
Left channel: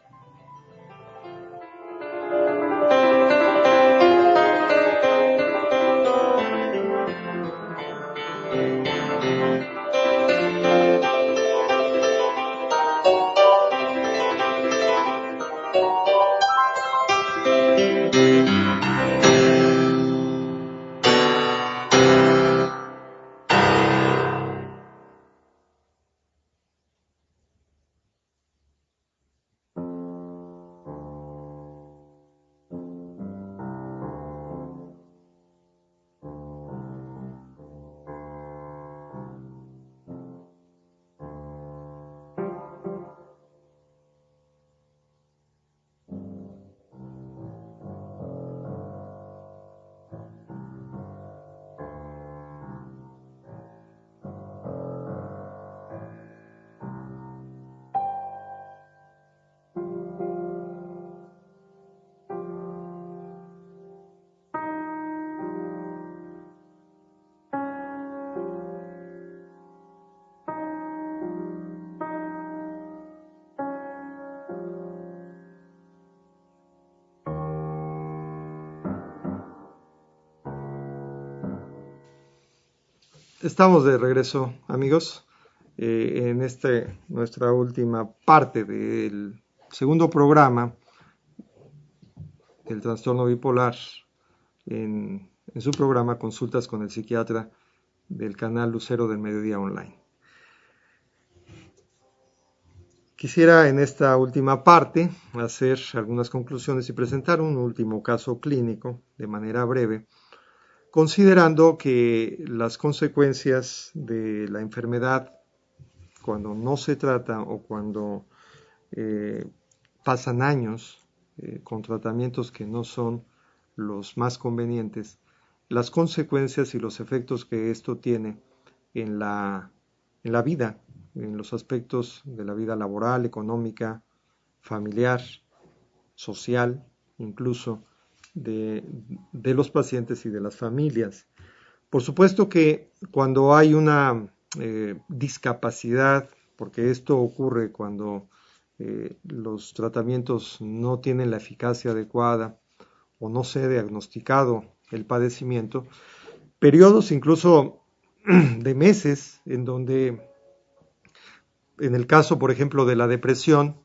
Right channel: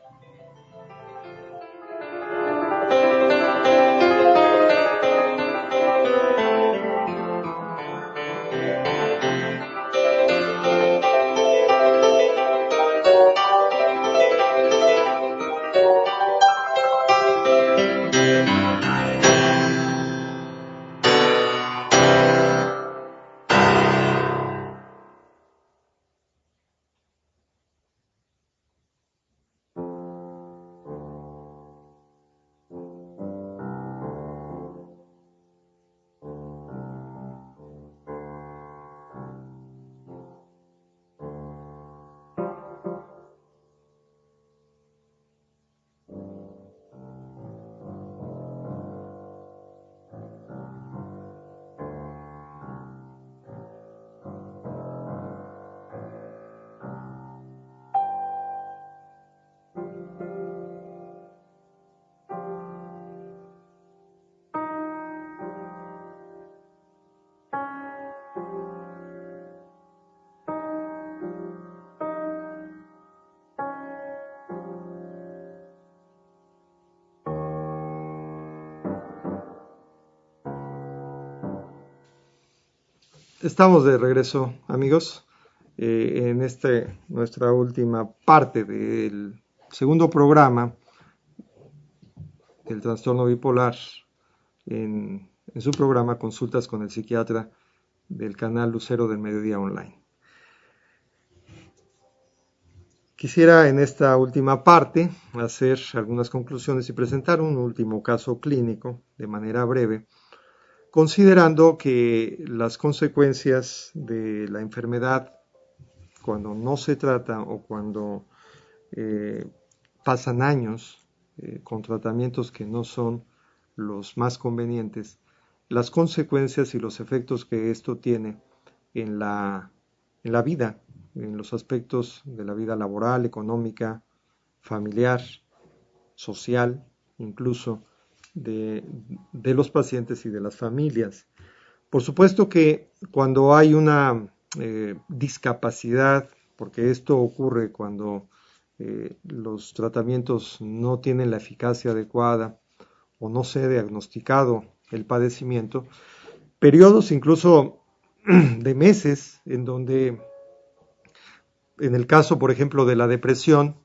Estamos de regreso, amigos, en nuestra última parte del segundo programa del trastorno bipolar, en su programa Consultas con el Psiquiatra del canal Lucero del Mediodía Online. Quisiera en esta última parte hacer algunas conclusiones y presentar un último caso clínico de manera breve, considerando que las consecuencias de la enfermedad, cuando no se trata o cuando pasan años con tratamientos que no son los más convenientes, las consecuencias y los efectos que esto tiene en la vida, en los aspectos de la vida laboral, económica, familiar, social, incluso de los pacientes y de las familias. Por supuesto que cuando hay una discapacidad, porque esto ocurre cuando los tratamientos no tienen la eficacia adecuada o no se ha diagnosticado el padecimiento, periodos incluso de meses en donde, en el caso, por ejemplo, de la depresión,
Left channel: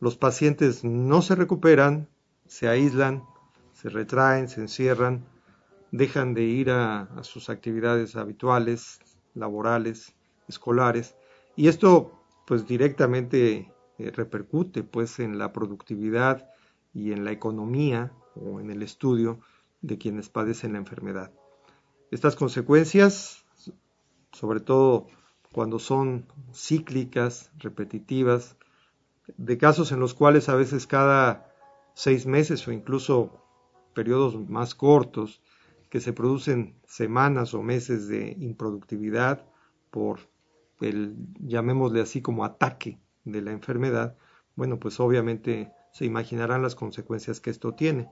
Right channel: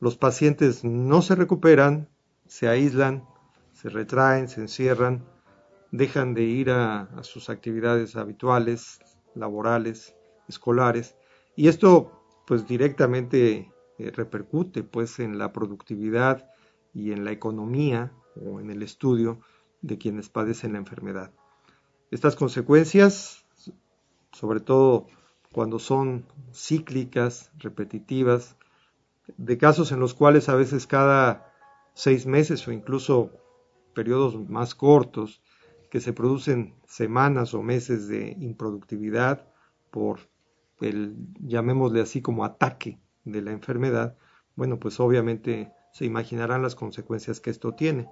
los pacientes no se recuperan, se aíslan, se retraen, se encierran, dejan de ir a sus actividades habituales, laborales, escolares, y esto pues directamente repercute pues en la productividad y en la economía o en el estudio de quienes padecen la enfermedad. Estas consecuencias, sobre todo cuando son cíclicas, repetitivas, de casos en los cuales a veces cada 6 meses o incluso periodos más cortos, que se producen semanas o meses de improductividad por el, llamémosle así, como ataque de la enfermedad, bueno, pues obviamente se imaginarán las consecuencias que esto tiene,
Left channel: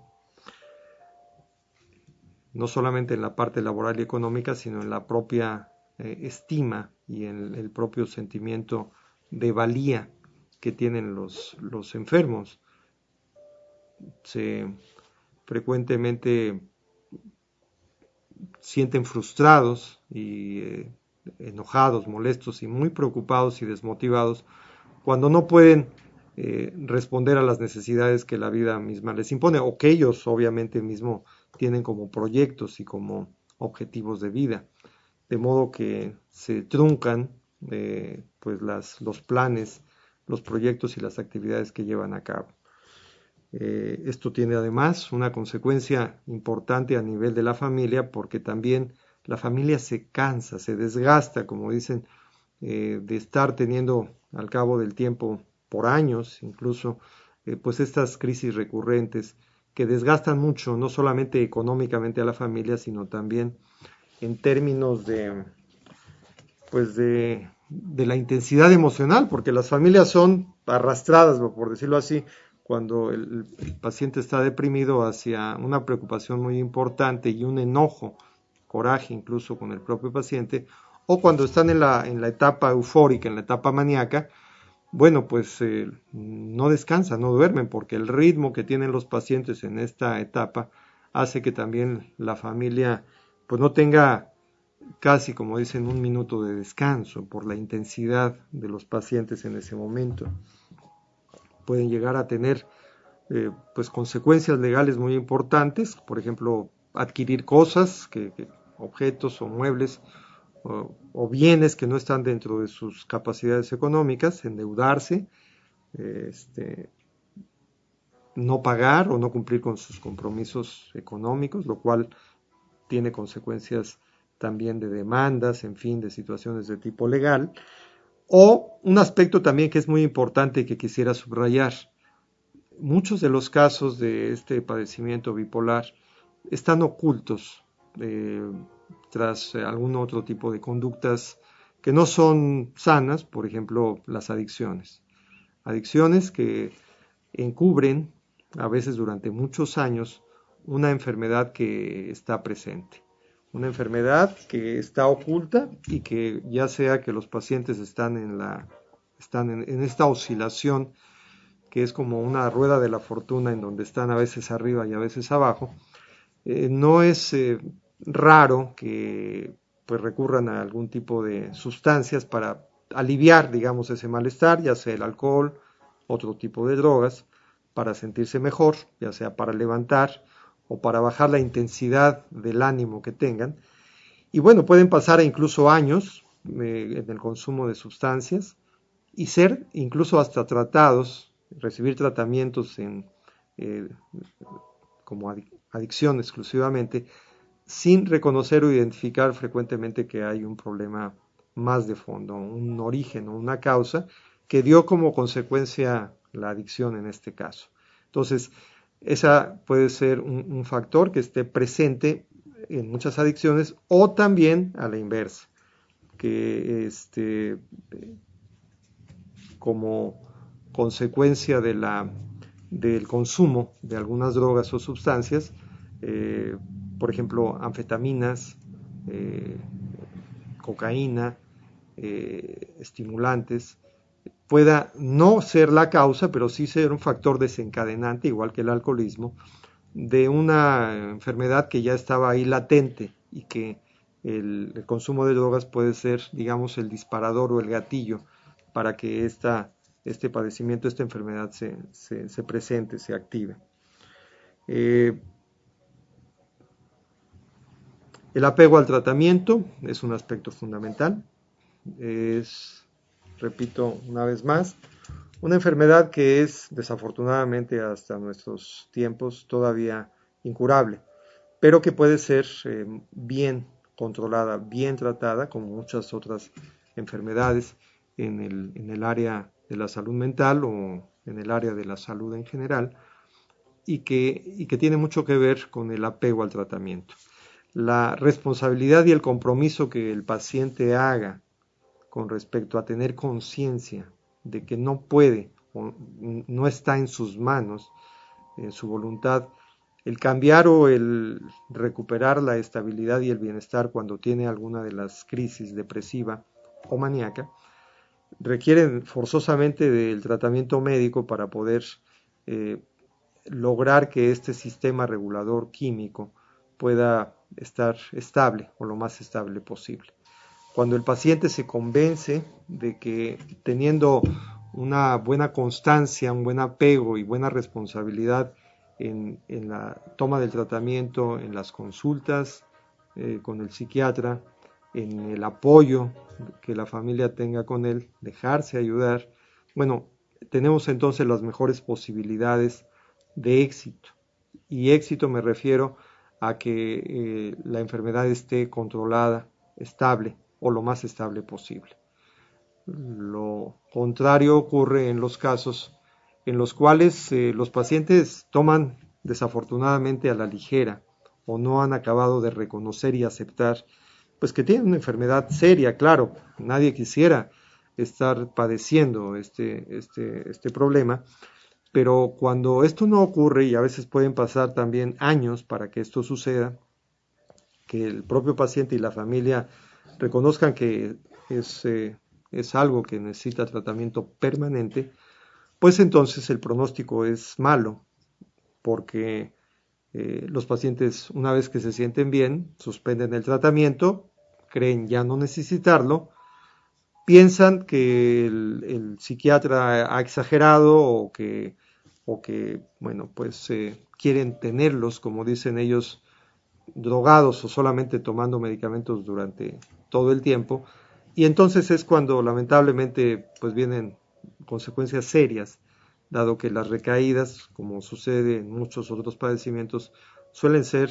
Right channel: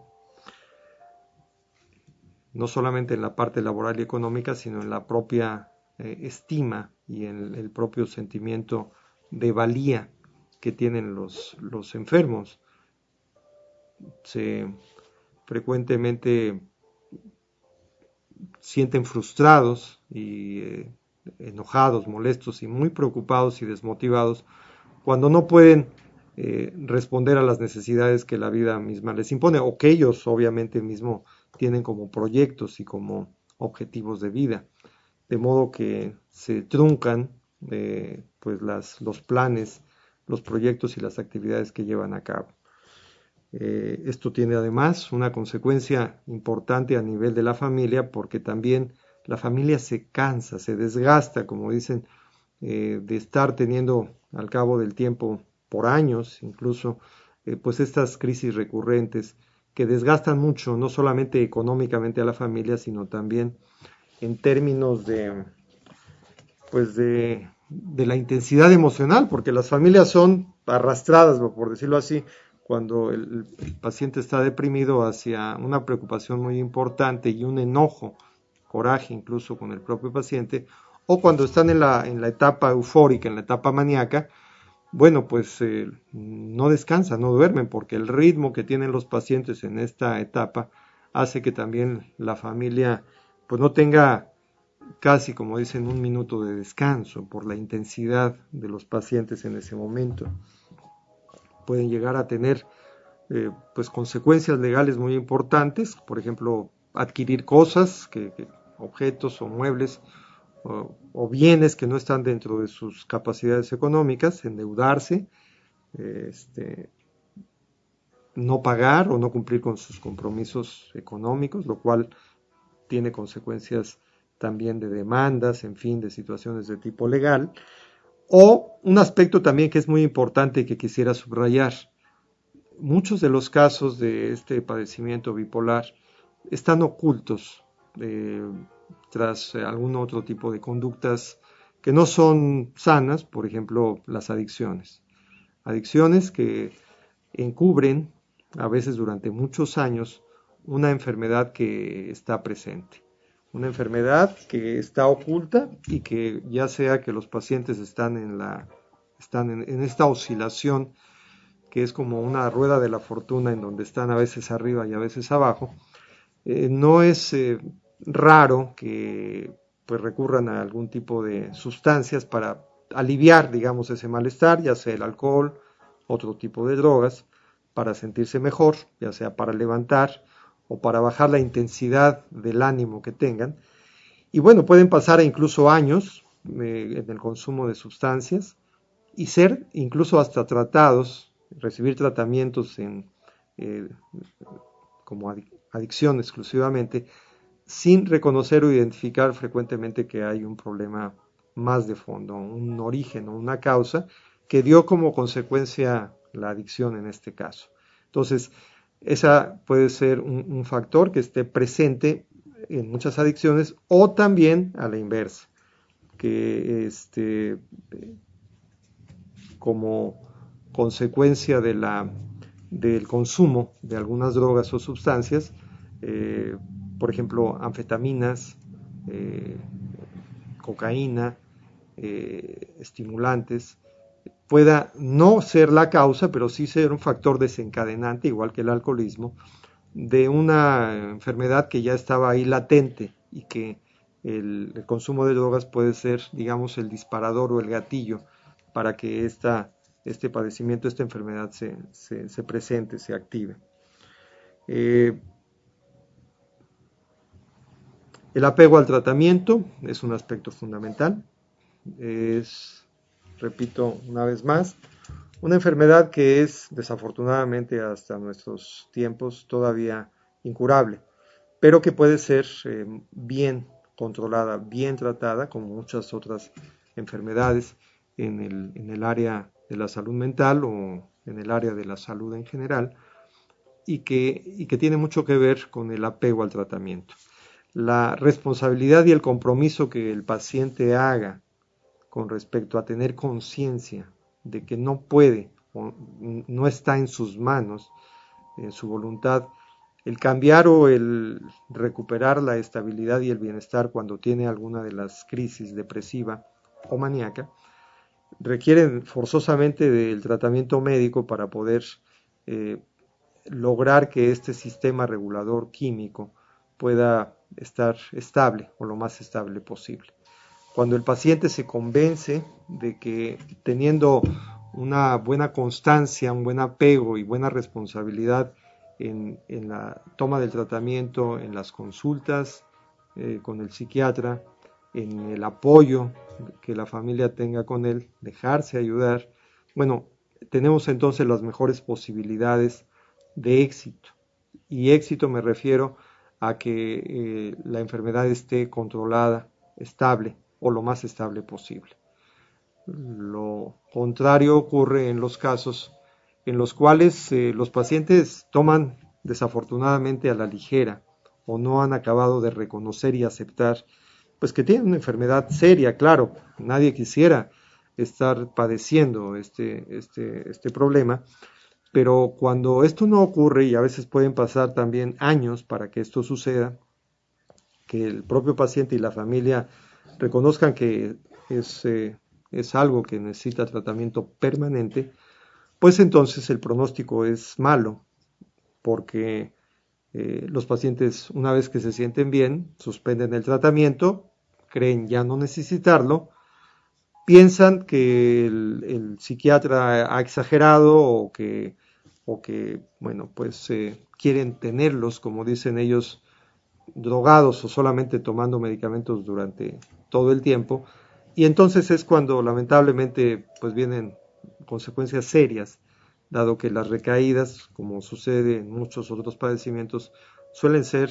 no solamente en la parte laboral y económica, sino en la propia estima y en el propio sentimiento de valía que tienen los enfermos. Se frecuentemente sienten frustrados y enojados, molestos y muy preocupados y desmotivados cuando no pueden responder a las necesidades que la vida misma les impone o que ellos obviamente mismo tienen como proyectos y como objetivos de vida, de modo que se truncan pues los planes, los proyectos y las actividades que llevan a cabo. Esto tiene además una consecuencia importante a nivel de la familia porque también la familia se cansa, se desgasta, como dicen, de estar teniendo al cabo del tiempo, por años incluso, pues estas crisis recurrentes que desgastan mucho, no solamente económicamente a la familia, sino también en términos pues de la intensidad emocional, porque las familias son arrastradas, por decirlo así, cuando el paciente está deprimido hacia una preocupación muy importante y un enojo, coraje incluso con el propio paciente, o cuando están en la etapa eufórica, en la etapa maníaca, bueno, pues no descansan, no duermen, porque el ritmo que tienen los pacientes en esta etapa hace que también la familia pues no tenga casi, como dicen, un minuto de descanso por la intensidad de los pacientes en ese momento. Pueden llegar a tener pues consecuencias legales muy importantes, por ejemplo, adquirir cosas, objetos o muebles o bienes que no están dentro de sus capacidades económicas, endeudarse, no pagar o no cumplir con sus compromisos económicos, lo cual tiene consecuencias también de demandas, en fin, de situaciones de tipo legal. O un aspecto también que es muy importante y que quisiera subrayar. Muchos de los casos de este padecimiento bipolar están ocultos tras algún otro tipo de conductas que no son sanas, por ejemplo, las adicciones. Adicciones que encubren, a veces durante muchos años, una enfermedad que está presente. Una enfermedad que está oculta y que ya sea que los pacientes están en esta oscilación que es como una rueda de la fortuna en donde están a veces arriba y a veces abajo, no es raro que pues recurran a algún tipo de sustancias para aliviar, digamos, ese malestar, ya sea el alcohol, otro tipo de drogas, para sentirse mejor, ya sea para levantar o para bajar la intensidad del ánimo que tengan. Y bueno, pueden pasar incluso años en el consumo de sustancias y ser incluso hasta tratados, recibir tratamientos eh, como adicción exclusivamente, sin reconocer o identificar frecuentemente que hay un problema más de fondo, un origen o una causa que dio como consecuencia la adicción en este caso. Entonces, esa puede ser un factor que esté presente en muchas adicciones o también a la inversa, que como consecuencia del consumo de algunas drogas o sustancias, por ejemplo, anfetaminas, cocaína, estimulantes, pueda no ser la causa, pero sí ser un factor desencadenante, igual que el alcoholismo, de una enfermedad que ya estaba ahí latente y que el consumo de drogas puede ser, digamos, el disparador o el gatillo para que este padecimiento, esta enfermedad se presente, se active. El apego al tratamiento es un aspecto fundamental. Es, repito una vez más, una enfermedad que es desafortunadamente hasta nuestros tiempos todavía incurable, pero que puede ser bien controlada, bien tratada, como muchas otras enfermedades en el área de la salud mental o en el área de la salud en general, y que tiene mucho que ver con el apego al tratamiento. La responsabilidad y el compromiso que el paciente haga con respecto a tener conciencia de que no puede o no está en sus manos, en su voluntad, el cambiar o el recuperar la estabilidad y el bienestar cuando tiene alguna de las crisis depresiva o maníaca, requieren forzosamente del tratamiento médico para poder lograr que este sistema regulador químico pueda estar estable o lo más estable posible. Cuando el paciente se convence de que teniendo una buena constancia, un buen apego y buena responsabilidad en la toma del tratamiento, en las consultas con el psiquiatra, en el apoyo que la familia tenga con él, dejarse ayudar, bueno, tenemos entonces las mejores posibilidades de éxito. Y éxito me refiero a que la enfermedad esté controlada, estable o lo más estable posible. Lo contrario ocurre en los casos en los cuales los pacientes toman desafortunadamente a la ligera o no han acabado de reconocer y aceptar pues que tienen una enfermedad seria, claro, nadie quisiera estar padeciendo este problema, pero cuando esto no ocurre, y a veces pueden pasar también años para que esto suceda, que el propio paciente y la familia reconozcan que es algo que necesita tratamiento permanente, pues entonces el pronóstico es malo, porque los pacientes, una vez que se sienten bien, suspenden el tratamiento, creen ya no necesitarlo, piensan que el psiquiatra ha exagerado o que bueno, pues quieren tenerlos, como dicen ellos, drogados o solamente tomando medicamentos durante todo el tiempo, y entonces es cuando lamentablemente pues vienen consecuencias serias, dado que las recaídas, como sucede en muchos otros padecimientos, suelen ser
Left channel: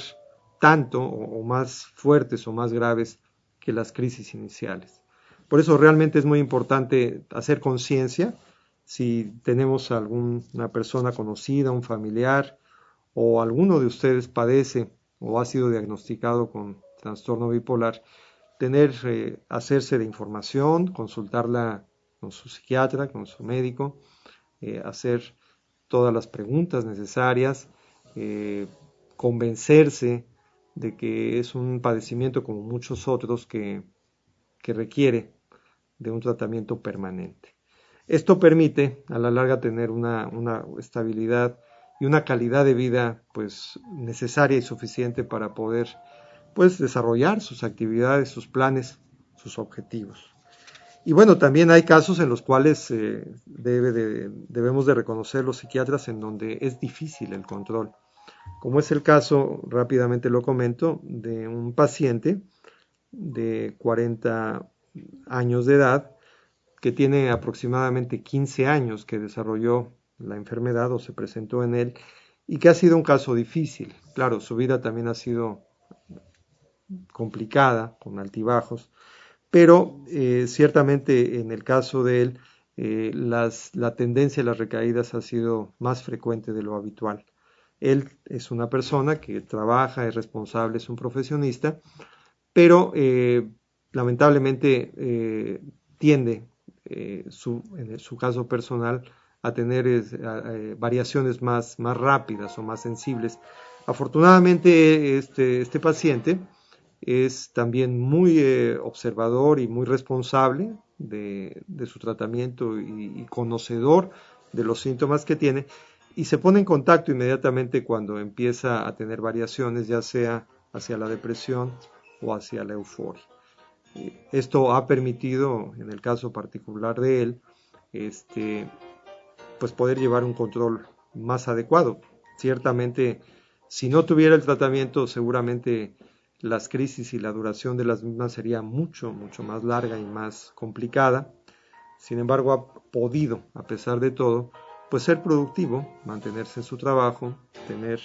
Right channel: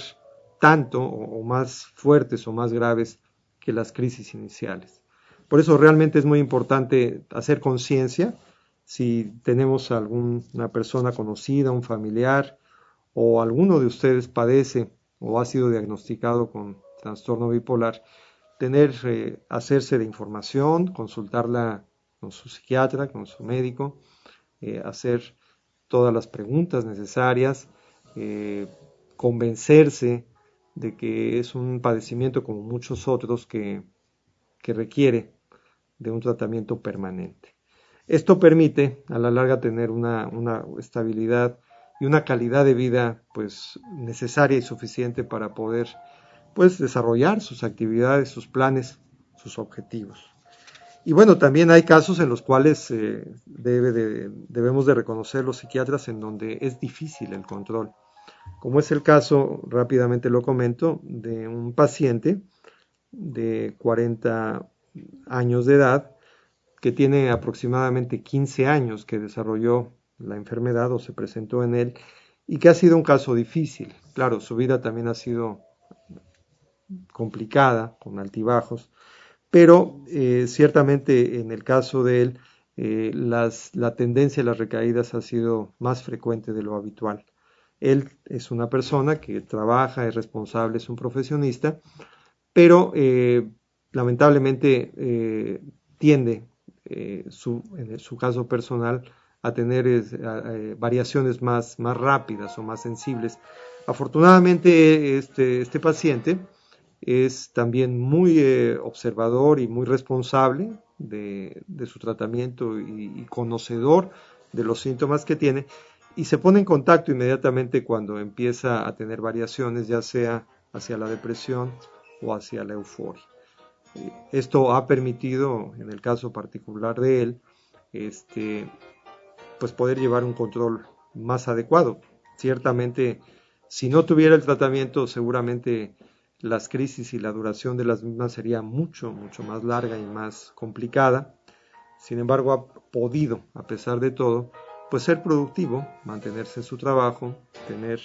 tanto o más fuertes o más graves que las crisis iniciales. Por eso realmente es muy importante hacer conciencia si tenemos alguna persona conocida, un familiar o alguno de ustedes padece o ha sido diagnosticado con trastorno bipolar, hacerse de información, consultarla con su psiquiatra, con su médico, hacer todas las preguntas necesarias, convencerse de que es un padecimiento como muchos otros que requiere de un tratamiento permanente. Esto permite a la larga tener una estabilidad y una calidad de vida pues necesaria y suficiente para poder pues desarrollar sus actividades, sus planes, sus objetivos. Y bueno, también hay casos en los cuales debemos de reconocer los psiquiatras en donde es difícil el control, como es el caso, rápidamente lo comento, de un paciente de 40 años de edad que tiene aproximadamente 15 años que desarrolló la enfermedad o se presentó en él y que ha sido un caso difícil. Claro, su vida también ha sido complicada, con altibajos, pero ciertamente en el caso de él la tendencia a las recaídas ha sido más frecuente de lo habitual. Él es una persona que trabaja, es responsable, es un profesionista, pero lamentablemente tiende, en su caso personal, a tener variaciones más rápidas o más sensibles. Afortunadamente este paciente es también muy observador y muy responsable de su tratamiento y conocedor de los síntomas que tiene, y se pone en contacto inmediatamente cuando empieza a tener variaciones, ya sea hacia la depresión o hacia la euforia. Esto ha permitido, en el caso particular de él, pues poder llevar un control más adecuado. Ciertamente, si no tuviera el tratamiento, seguramente las crisis y la duración de las mismas sería mucho, mucho más larga y más complicada. Sin embargo, ha podido, a pesar de todo, pues ser productivo, mantenerse en su trabajo, tener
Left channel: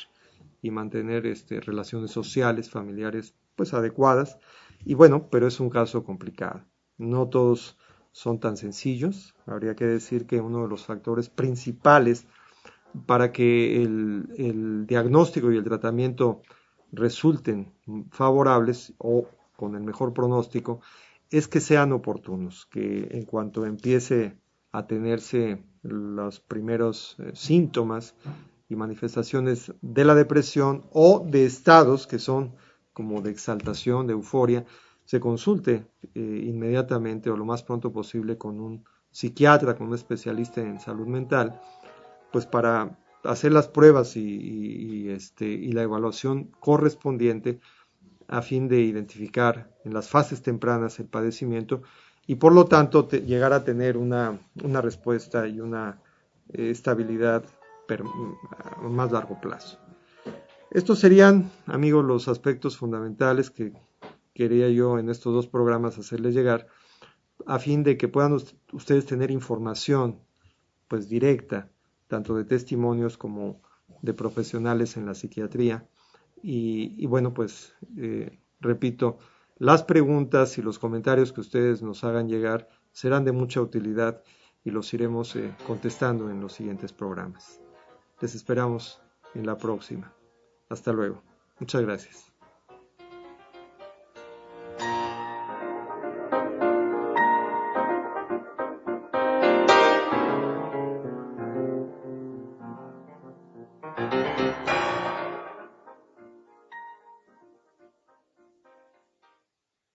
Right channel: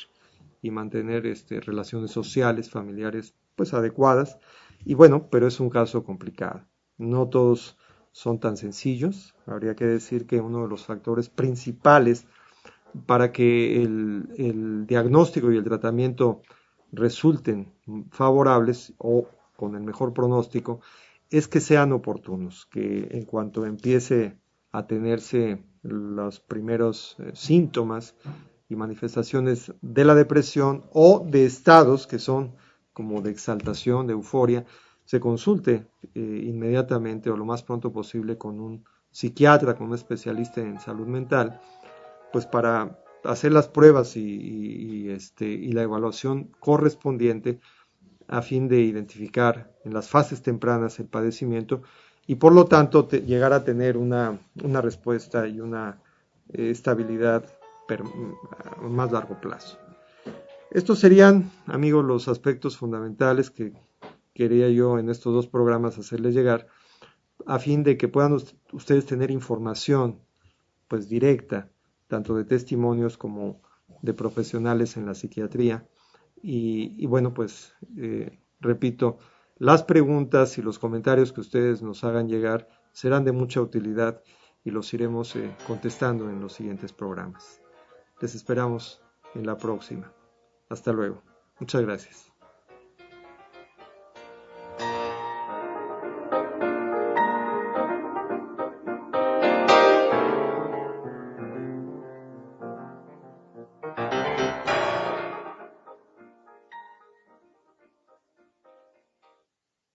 y mantener relaciones sociales, familiares, pues adecuadas. Y bueno, pero es un caso complicado. No todos son tan sencillos. Habría que decir que uno de los factores principales para que el diagnóstico y el tratamiento resulten favorables o con el mejor pronóstico es que sean oportunos, que en cuanto empiece a tenerse los primeros síntomas y manifestaciones de la depresión o de estados que son como de exaltación, de euforia, se consulte inmediatamente o lo más pronto posible con un psiquiatra, con un especialista en salud mental, pues para hacer las pruebas y la evaluación correspondiente a fin de identificar en las fases tempranas el padecimiento y por lo tanto llegar a tener una respuesta y una estabilidad a más largo plazo. Estos serían, amigos, los aspectos fundamentales que quería yo en estos dos programas hacerles llegar a fin de que puedan ustedes tener información pues directa, tanto de testimonios como de profesionales en la psiquiatría. Y bueno, pues repito, las preguntas y los comentarios que ustedes nos hagan llegar serán de mucha utilidad y los iremos contestando en los siguientes programas. Les esperamos en la próxima. Hasta luego. Muchas gracias.